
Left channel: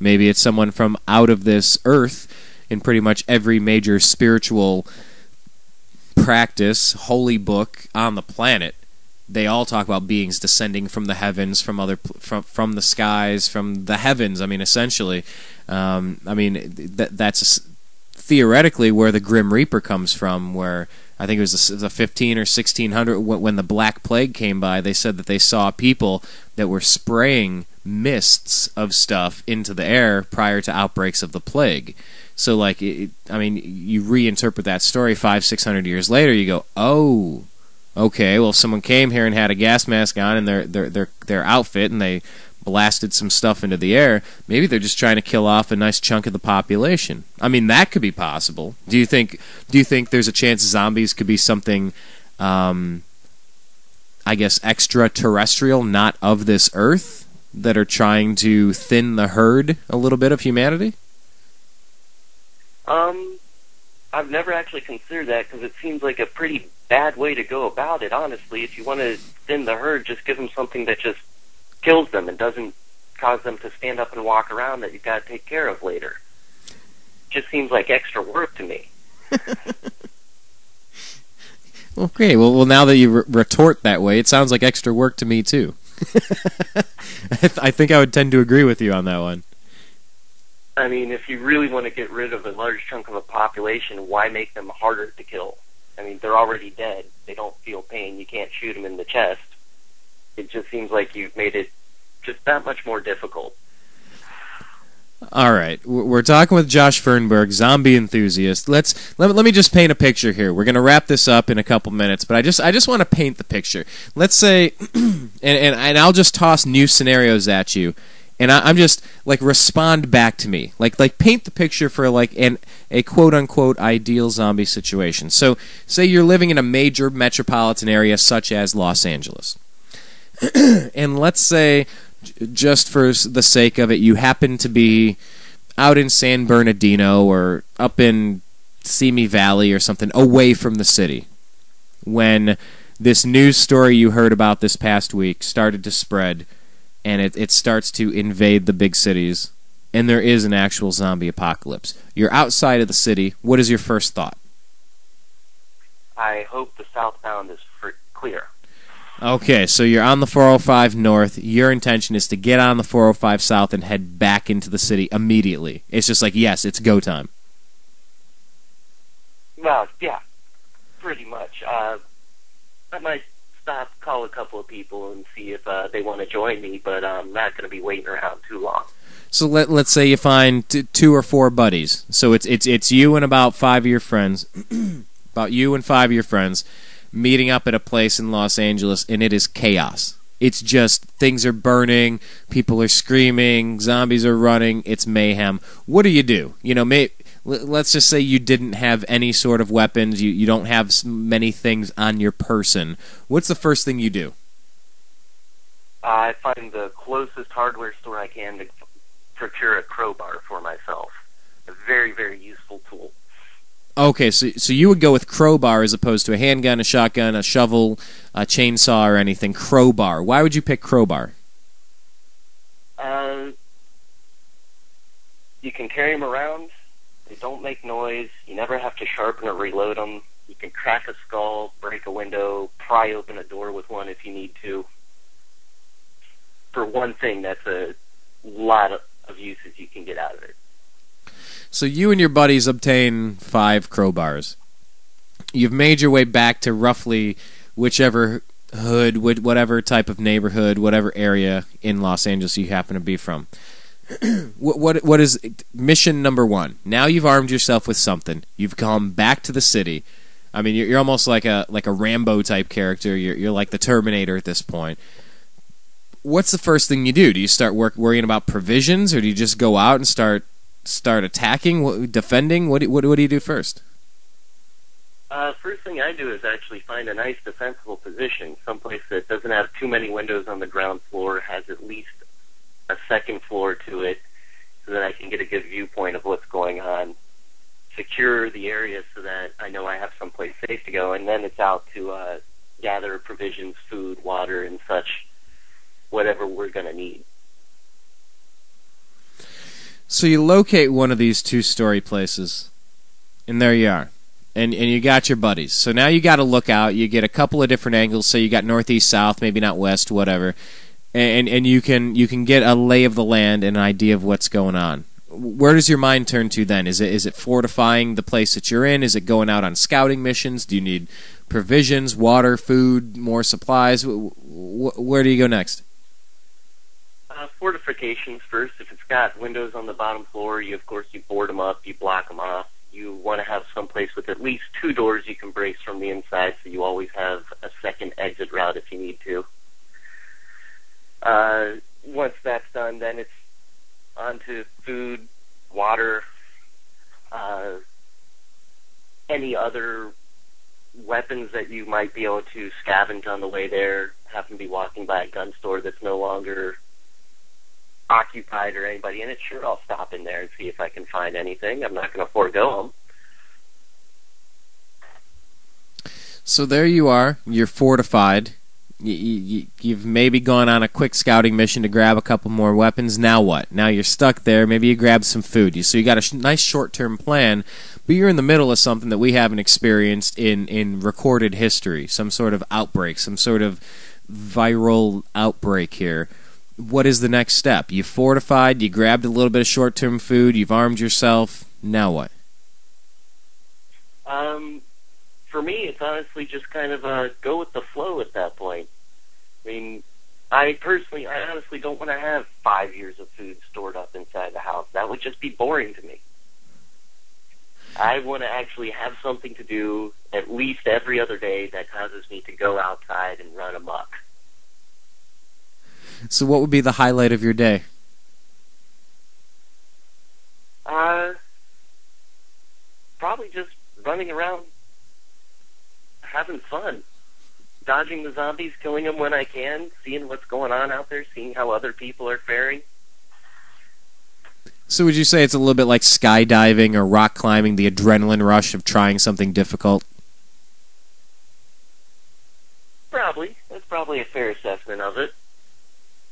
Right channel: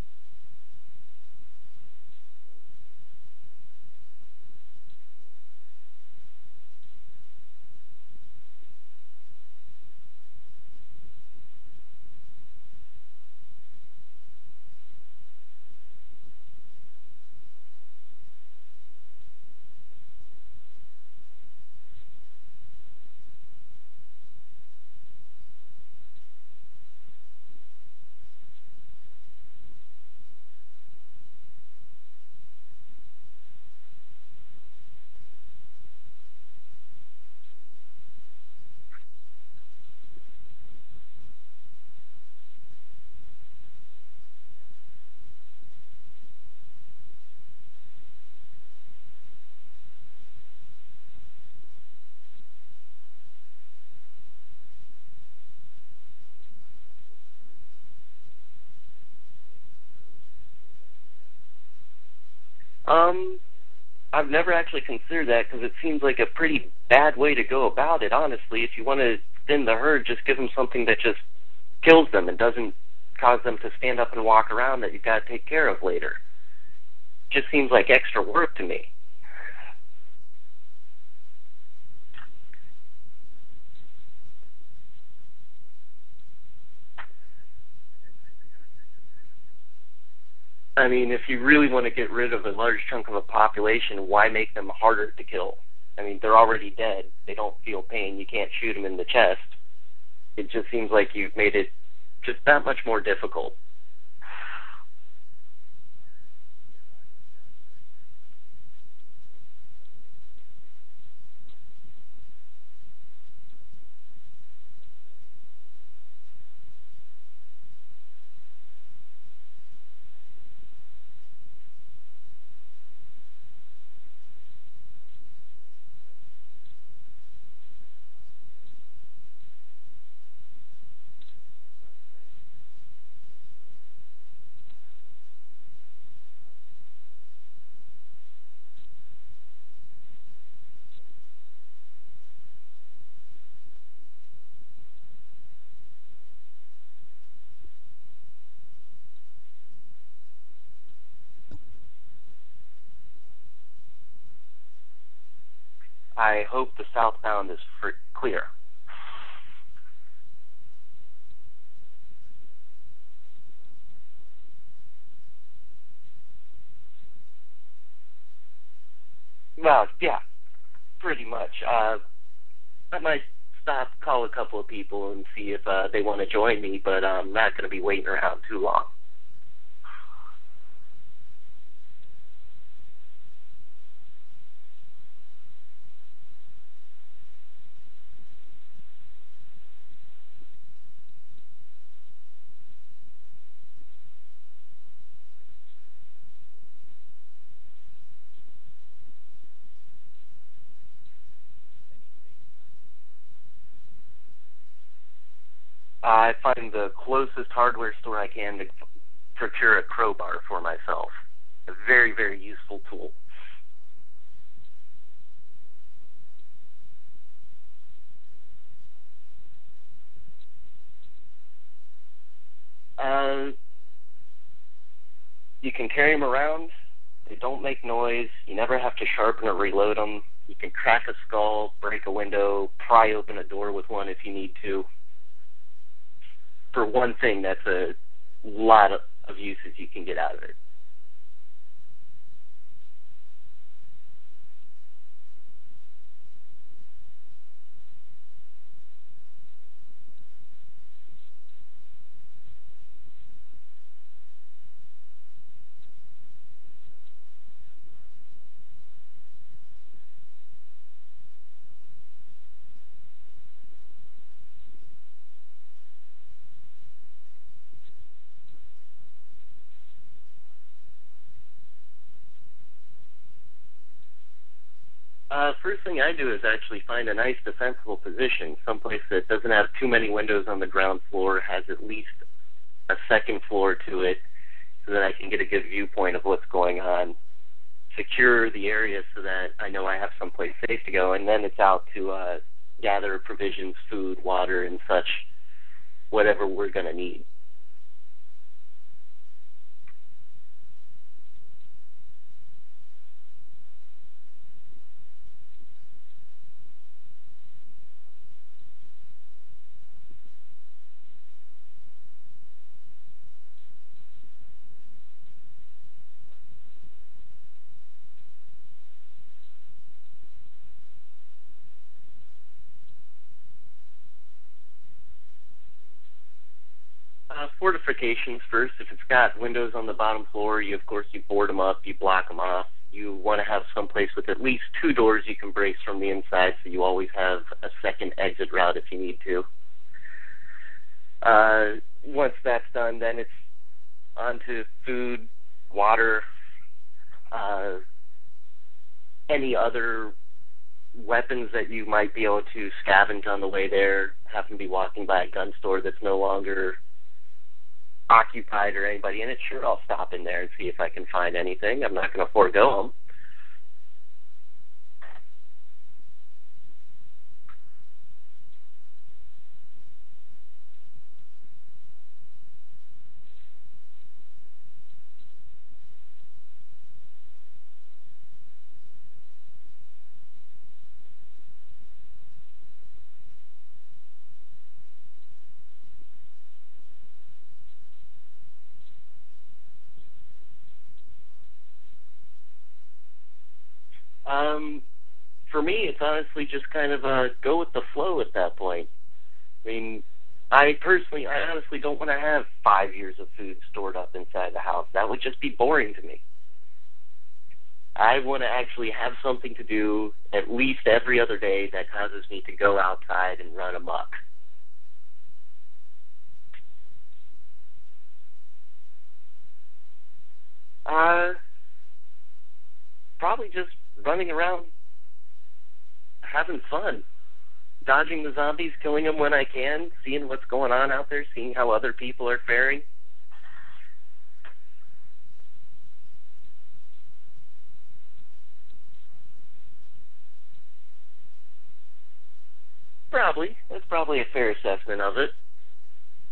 Maybe it's someone from out of this earth. In pretty much every major spiritual practice, holy book on the planet, they all talk about beings descending from the heavens, from the skies, from the heavens. I mean, essentially, that's theoretically where the Grim Reaper comes from. Where I think it was the 15 or 1600 when the Black Plague came by. They said that they saw people that were spraying mists of stuff into the air prior to outbreaks of the plague. So, like, you reinterpret that story 500-600 years later. You go, oh, okay. Well, if someone came here and had a gas mask on and their outfit, and they blasted some stuff into the air, maybe they're just trying to kill off a nice chunk of the population. I mean, that could be possible. Do you think there's a chance zombies could be something, I guess, extraterrestrial, not of this earth, that are trying to thin the herd a little bit of humanity? I've never actually considered that, because it seems like a pretty bad way to go about it, honestly. If you want to thin the herd, just give them something that just kills them and doesn't cause them to stand up and walk around that you've got to take care of later. Just seems like extra work to me. Well, great. Well, now that you retort that way, it sounds like extra work to me, too. I think I would tend to agree with you on that one. I mean, if you really want to get rid of a large chunk of a population, why make them harder to kill? I mean, they're already dead. They don't feel pain. You can't shoot them in the chest. It just seems like you've made it just that much more difficult. All right, we're talking with Josh Fernberg, zombie enthusiast. Let me just paint a picture here. We're going to wrap this up in a couple minutes, but I just want to paint the picture. Let's say, and I'll just toss new scenarios at you. And I'm just, like, respond back to me. Like paint the picture for, like, a quote-unquote ideal zombie situation. So, say you're living in a major metropolitan area such as Los Angeles. And let's say, just for the sake of it, you happen to be out in San Bernardino or up in Simi Valley or something, away from the city, when this news story you heard about this past week started to spread, and it starts to invade the big cities, and there is an actual zombie apocalypse. You're outside of the city. What is your first thought? I hope the southbound is clear. Okay, so you're on the 405 North. Your intention is to get on the 405 South and head back into the city immediately. It's just like, yes, it's go time. Well, yeah, pretty much. I might stop, call a couple of people, and see if they want to join me, but I'm not going to be waiting around too long. So let's say you find 2 or 4 buddies. So it's you and about 5 of your friends, meeting up at a place in Los Angeles, and it is chaos. It's just things are burning, people are screaming, zombies are running, it's mayhem. What do? You know, let's just say you didn't have any sort of weapons, you don't have many things on your person. What's the first thing you do? I find the closest hardware store I can to procure a crowbar for myself. A very, very useful tool. Okay, so you would go with crowbar as opposed to a handgun, a shotgun, a shovel, a chainsaw, or anything. Crowbar. Why would you pick crowbar? You can carry them around. They don't make noise. You never have to sharpen or reload them. You can crack a skull, break a window, pry open a door with one if you need to. For one thing, that's a lot of uses you can get out of it. So you and your buddies obtain 5 crowbars. You've made your way back to roughly whichever hood, whatever type of neighborhood, whatever area in Los Angeles you happen to be from. What is mission number 1? Now you've armed yourself with something. You've come back to the city. I mean, you're almost like a Rambo type character. You're like the Terminator at this point. What's the first thing you do? Do you start worrying about provisions, or do you just go out and start attacking, defending? What do you do first? First thing I do is actually find a nice defensible position, someplace that doesn't have too many windows on the ground floor, has at least a second floor to it, so that I can can get a good viewpoint of what's going on, secure the area so that I know I have someplace safe to go, and then it's out to gather provisions, food, water, and such, whatever we're going to need. So you locate one of these two-story places, and there you are. And you got your buddies. So now you got to look out. You get a couple of different angles. So you got northeast, south, maybe not west, whatever. And you can get a lay of the land and an idea of what's going on. Where does your mind turn to then? Is it fortifying the place that you're in? Is it going out on scouting missions? Do you need provisions, water, food, more supplies? Where do you go next? Fortifications first. If it's got windows on the bottom floor, of course you board them up, you block them off. You want to have some place with at least 2 doors you can brace from the inside, so you always have a second exit route if you need to. Once that's done, then it's on to food, water, any other weapons that you might be able to scavenge on the way there. Happen to be walking by a gun store that's no longer occupied or anybody in it, sure, I'll stop in there and see if I can find anything. I'm not going to forego them. So there you are. You're fortified. You've maybe gone on a quick scouting mission to grab a couple more weapons. Now what? Now you're stuck there. Maybe you grab some food. So you got a nice short-term plan, but you're in the middle of something that we haven't experienced in recorded history, some sort of outbreak, some sort of viral outbreak here. What is the next step? You fortified, you grabbed a little bit of short-term food, you've armed yourself. Now what? For me, it's honestly just kind of go with the flow at that point. I mean, I honestly don't want to have 5 years of food stored up inside the house. That would just be boring to me. I want to actually have something to do at least every other day that causes me to go outside and run amok. So what would be the highlight of your day? Probably just running around, having fun, dodging the zombies, killing them when I can, seeing what's going on out there, seeing how other people are faring. So would you say it's a little bit like skydiving or rock climbing, the adrenaline rush of trying something difficult? Probably. That's probably a fair assessment of it.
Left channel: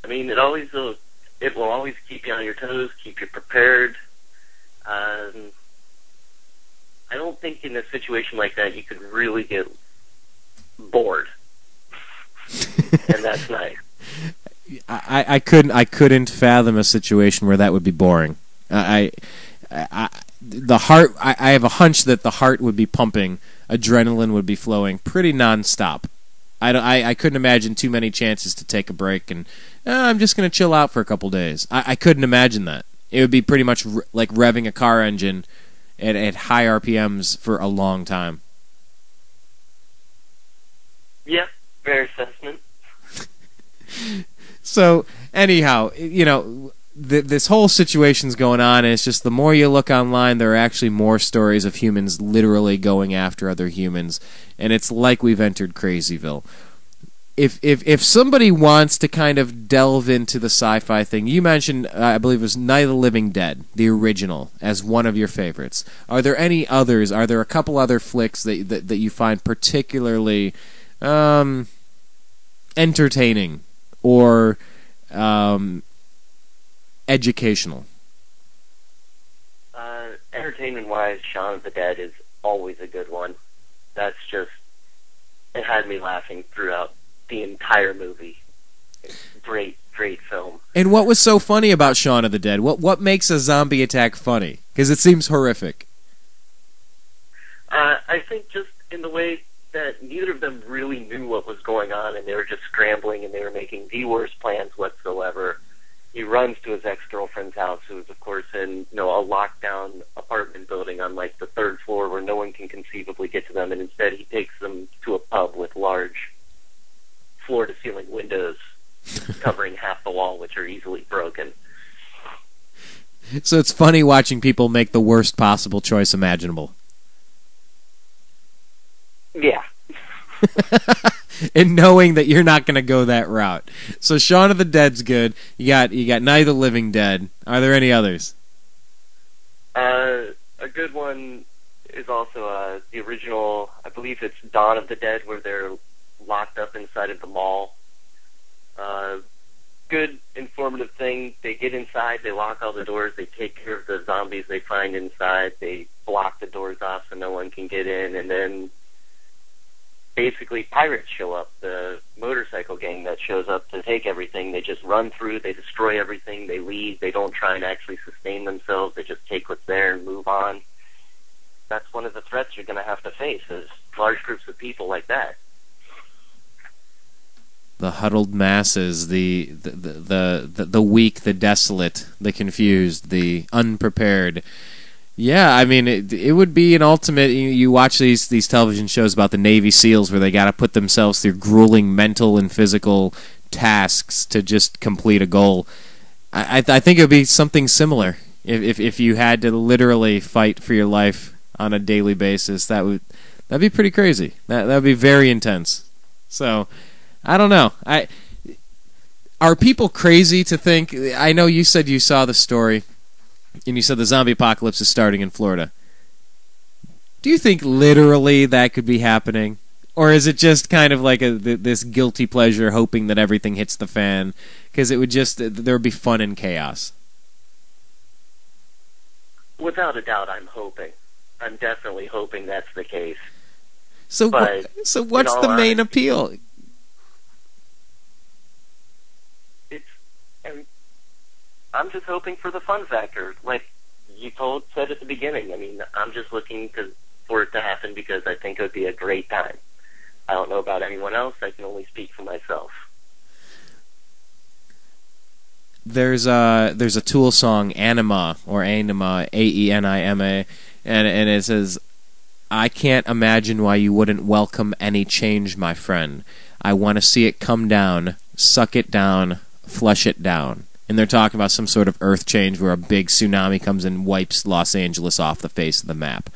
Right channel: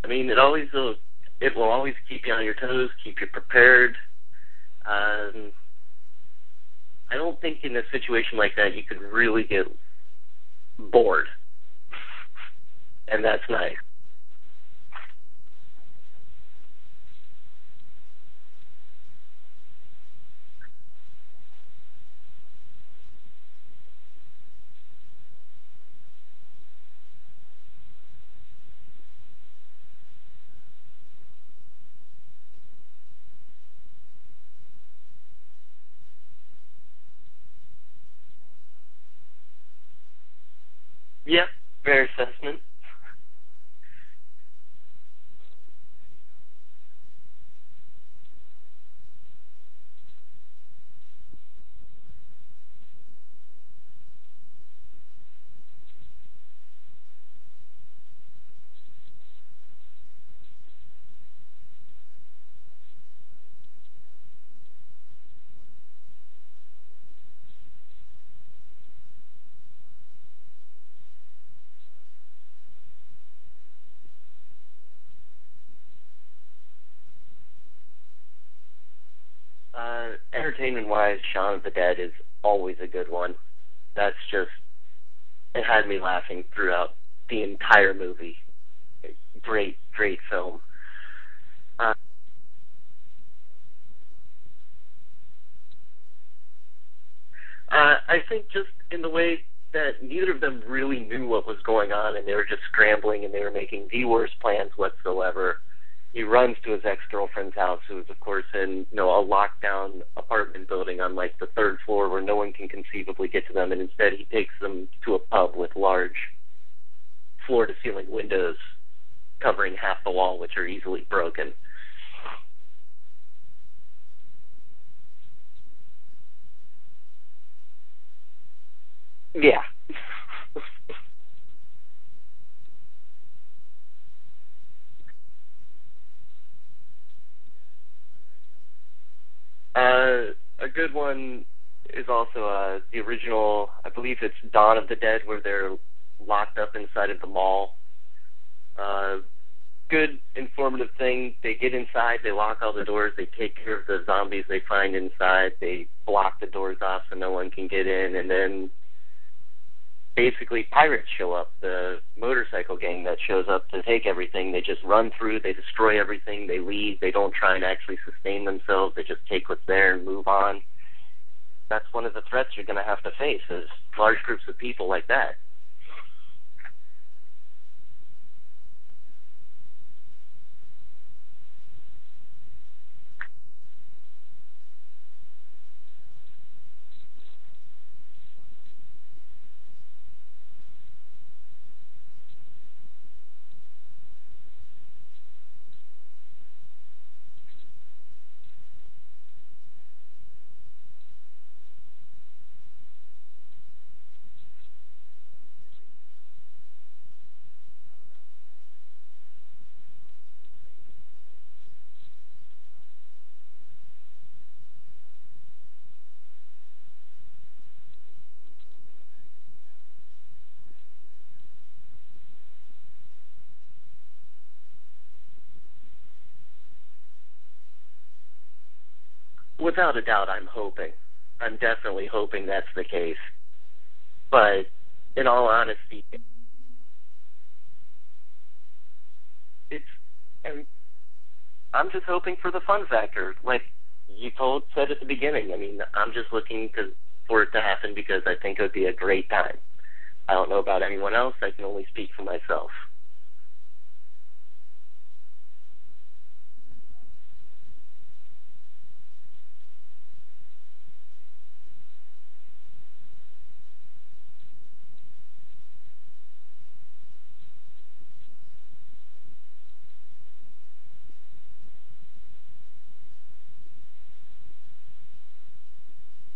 I mean, it will always keep you on your toes, keep you prepared. I don't think in a situation like that you could really get bored, and that's nice. I couldn't fathom a situation where that would be boring. I have a hunch that the heart would be pumping, adrenaline would be flowing pretty nonstop. I couldn't imagine too many chances to take a break and I'm just going to chill out for a couple days. I couldn't imagine that. It would be pretty much like revving a car engine at high RPMs for a long time. Yeah, fair assessment. So, anyhow, this whole situation's going on, and it's just the more you look online, there are actually more stories of humans literally going after other humans, and it's like we've entered Crazyville. If somebody wants to kind of delve into the sci-fi thing, you mentioned, I believe it was Night of the Living Dead, the original, as one of your favorites. Are there any others? Are there a couple other flicks that you find particularly entertaining or educational? Entertainment-wise, Shaun of the Dead is always a good one. It had me laughing throughout the entire movie. Great film. And what was so funny about Shaun of the Dead? What makes a zombie attack funny? Because it seems horrific. I think just in the way that neither of them really knew what was going on, and they were just scrambling, and they were making the worst plans whatsoever. He runs to his ex-girlfriend's house, who is, of course, in a lockdown apartment building on, like, the 3rd floor where no one can conceivably get to them, and instead he takes them to a pub with large floor-to-ceiling windows covering half the wall, which are easily broken. So it's funny watching people make the worst possible choice imaginable. Yeah. And knowing that you're not going to go that route. So Shaun of the Dead's good. You got Night of the Living Dead. Are there any others? A good one is also the original, I believe it's Dawn of the Dead, where they're locked up inside of the mall. Good, informative thing. They get inside, they lock all the doors, they take care of the zombies they find inside, they block the doors off so no one can get in, and then basically pirates show up, the motorcycle gang that shows up to take everything. They just run through, they destroy everything, they leave, they don't try and actually sustain themselves, they just take what's there and move on. That's one of the threats you're going to have to face, is large groups of people like that. The huddled masses, the weak, the desolate, the confused, the unprepared. Yeah, I mean, it would be an ultimate. You watch these television shows about the Navy SEALs where they got to put themselves through grueling mental and physical tasks to just complete a goal. I think it would be something similar if you had to literally fight for your life on a daily basis. That'd be pretty crazy. That would be very intense. So. I don't know. Are people crazy to think... I know you said you saw the story, and you said the zombie apocalypse is starting in Florida. Do you think literally that could be happening? Or is it just kind of like this guilty pleasure hoping that everything hits the fan? Because it would just... there would be fun and chaos. Without a doubt, I'm hoping. I'm definitely hoping that's the case. So what's the main appeal? I'm just hoping for the fun factor, like you said at the beginning. I mean, I'm just looking for it to happen because I think it would be a great time. I don't know about anyone else. I can only speak for myself. There's a Tool song, Anima, or Anima, Aenima, and it says, "I can't imagine why you wouldn't welcome any change, my friend. I want to see it come down, suck it down, flush it down." And they're talking about some sort of earth change where a big tsunami comes and wipes Los Angeles off the face of the map.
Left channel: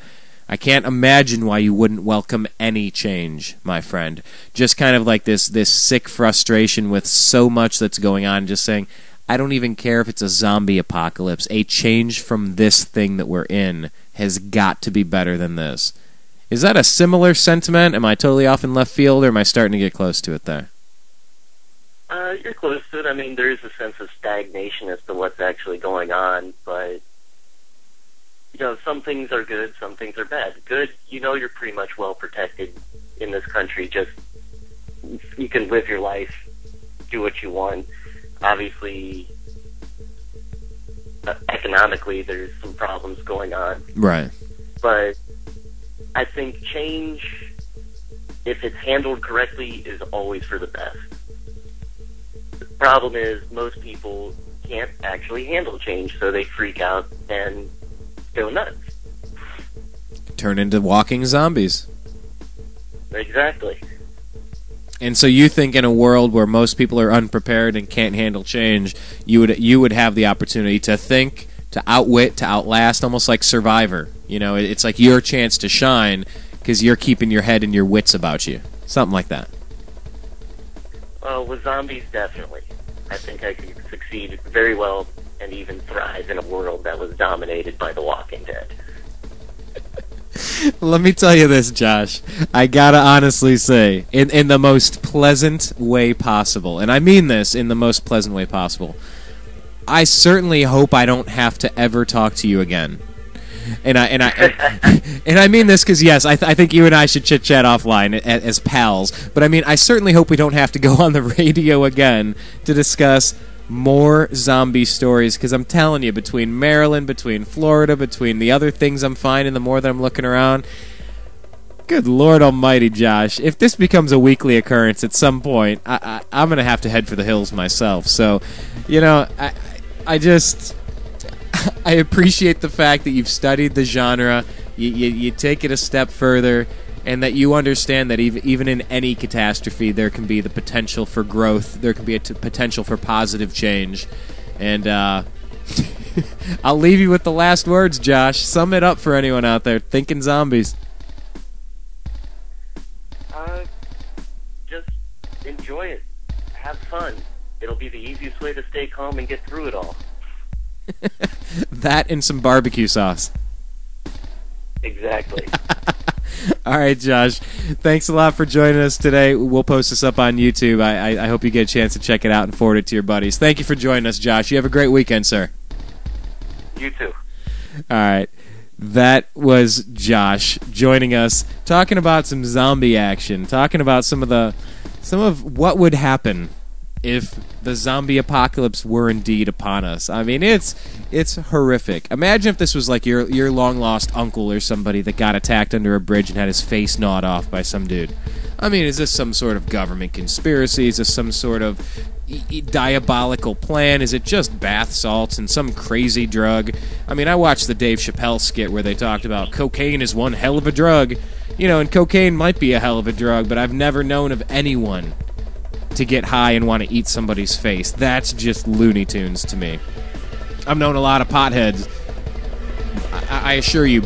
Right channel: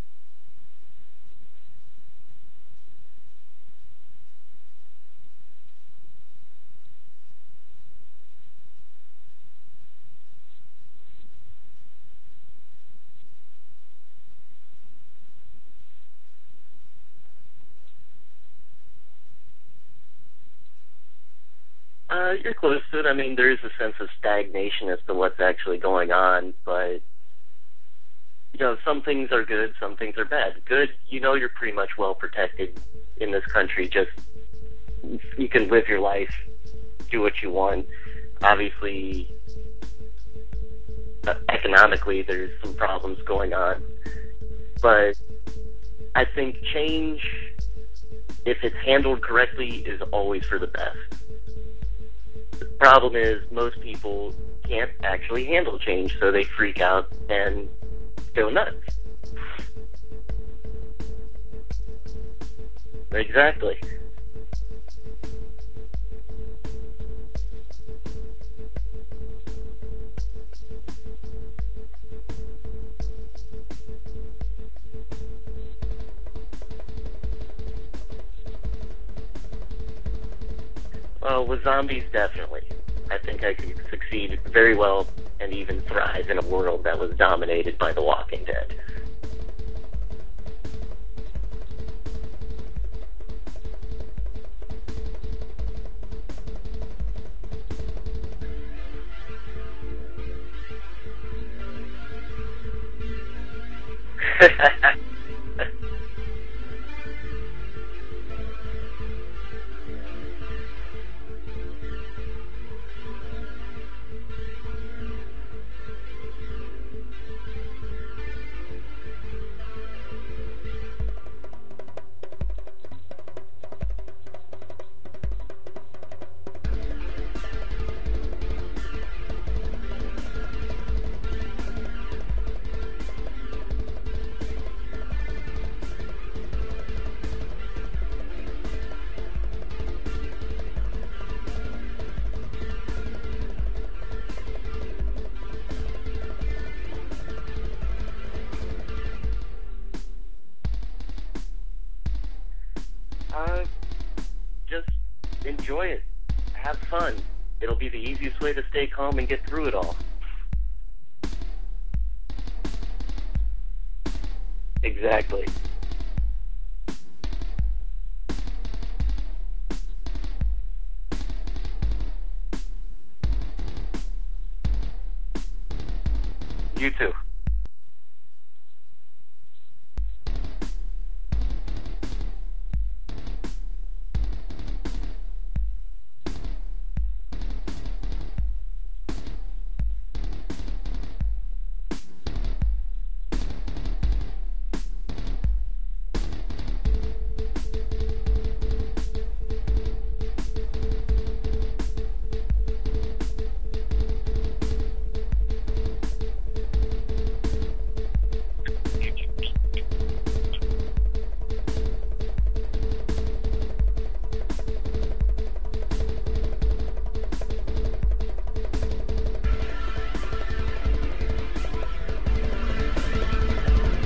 I can't imagine why you wouldn't welcome any change, my friend. Just kind of like this sick frustration with so much that's going on, just saying, I don't even care if it's a zombie apocalypse. A change from this thing that we're in has got to be better than this. Is that a similar sentiment? Am I totally off in left field, or am I starting to get close to it there? You're close to it. I mean, there is a sense of stagnation as to what's actually going on, but, some things are good, some things are bad. Good, you're pretty much well protected in this country. Just, you can live your life, do what you want. Obviously, economically, there's some problems going on. Right. But I think change, if it's handled correctly, is always for the best. The problem is most people can't actually handle change, so they freak out and go nuts. Turn into walking zombies. Exactly. And so you think in a world where most people are unprepared and can't handle change, you would have the opportunity to think, to outwit, to outlast, almost like Survivor. It's like your chance to shine because you're keeping your head and your wits about you. Something like that. With zombies, definitely. I think I could succeed very well and even thrive in a world that was dominated by The Walking Dead. Let me tell you this, Josh. I gotta honestly say, in the most pleasant way possible, and I mean this in the most pleasant way possible, I certainly hope I don't have to ever talk to you again. And I mean this because, yes, I think you and I should chit-chat offline as pals. But I mean, I certainly hope we don't have to go on the radio again to discuss more zombie stories, because I'm telling you, between Maryland, between Florida, between the other things I'm finding, the more that I'm looking around, good Lord almighty, Josh, if this becomes a weekly occurrence at some point, I'm going to have to head for the hills myself. So, I appreciate the fact that you've studied the genre, you take it a step further, and that you understand that even in any catastrophe, there can be the potential for growth, there can be a potential for positive change. And I'll leave you with the last words, Josh. Sum it up for anyone out there thinking zombies. Just enjoy it. Have fun. It'll be the easiest way to stay calm and get through it all. That and some barbecue sauce. Exactly. All right, Josh. Thanks a lot for joining us today. We'll post this up on YouTube. I hope you get a chance to check it out and forward it to your buddies. Thank you for joining us, Josh. You have a great weekend, sir. You too. All right. That was Josh joining us, talking about some zombie action, talking about some of what would happen if the zombie apocalypse were indeed upon us. I mean, it's horrific. Imagine if this was like your long-lost uncle or somebody that got attacked under a bridge and had his face gnawed off by some dude. I mean, is this some sort of government conspiracy? Is this some sort of diabolical plan? Is it just bath salts and some crazy drug? I mean, I watched the Dave Chappelle skit where they talked about cocaine is one hell of a drug. You know, and cocaine might be a hell of a drug, but I've never known of anyone to get high and want to eat somebody's face. That's just Looney Tunes to me. I've known a lot of potheads. I assure you,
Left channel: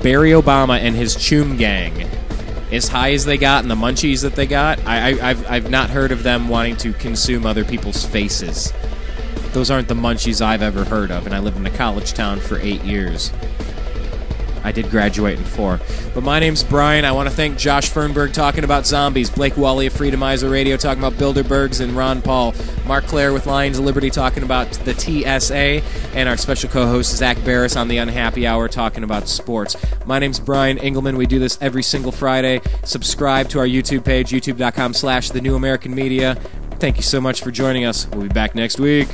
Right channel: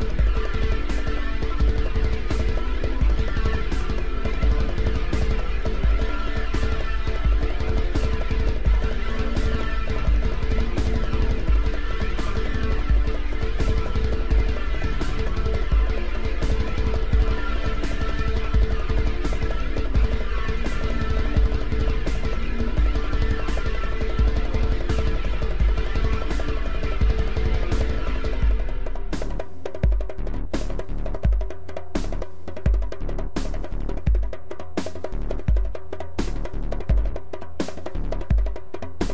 Barry Obama and his Choom gang, as high as they got and the munchies that they got, I've not heard of them wanting to consume other people's faces. Those aren't the munchies I've ever heard of, and I lived in a college town for 8 years. I did graduate in 4. But my name's Brian. I want to thank Josh Fernberg talking about zombies, Blake Wally of Freedomizer Radio talking about Bilderbergs and Ron Paul, Mark Claire with Lions of Liberty talking about the TSA, and our special co-host Zach Barris on the Unhappy Hour talking about sports. My name's Brian Engelman. We do this every single Friday. Subscribe to our YouTube page, youtube.com/thenewamericanmedia. Thank you so much for joining us. We'll be back next week.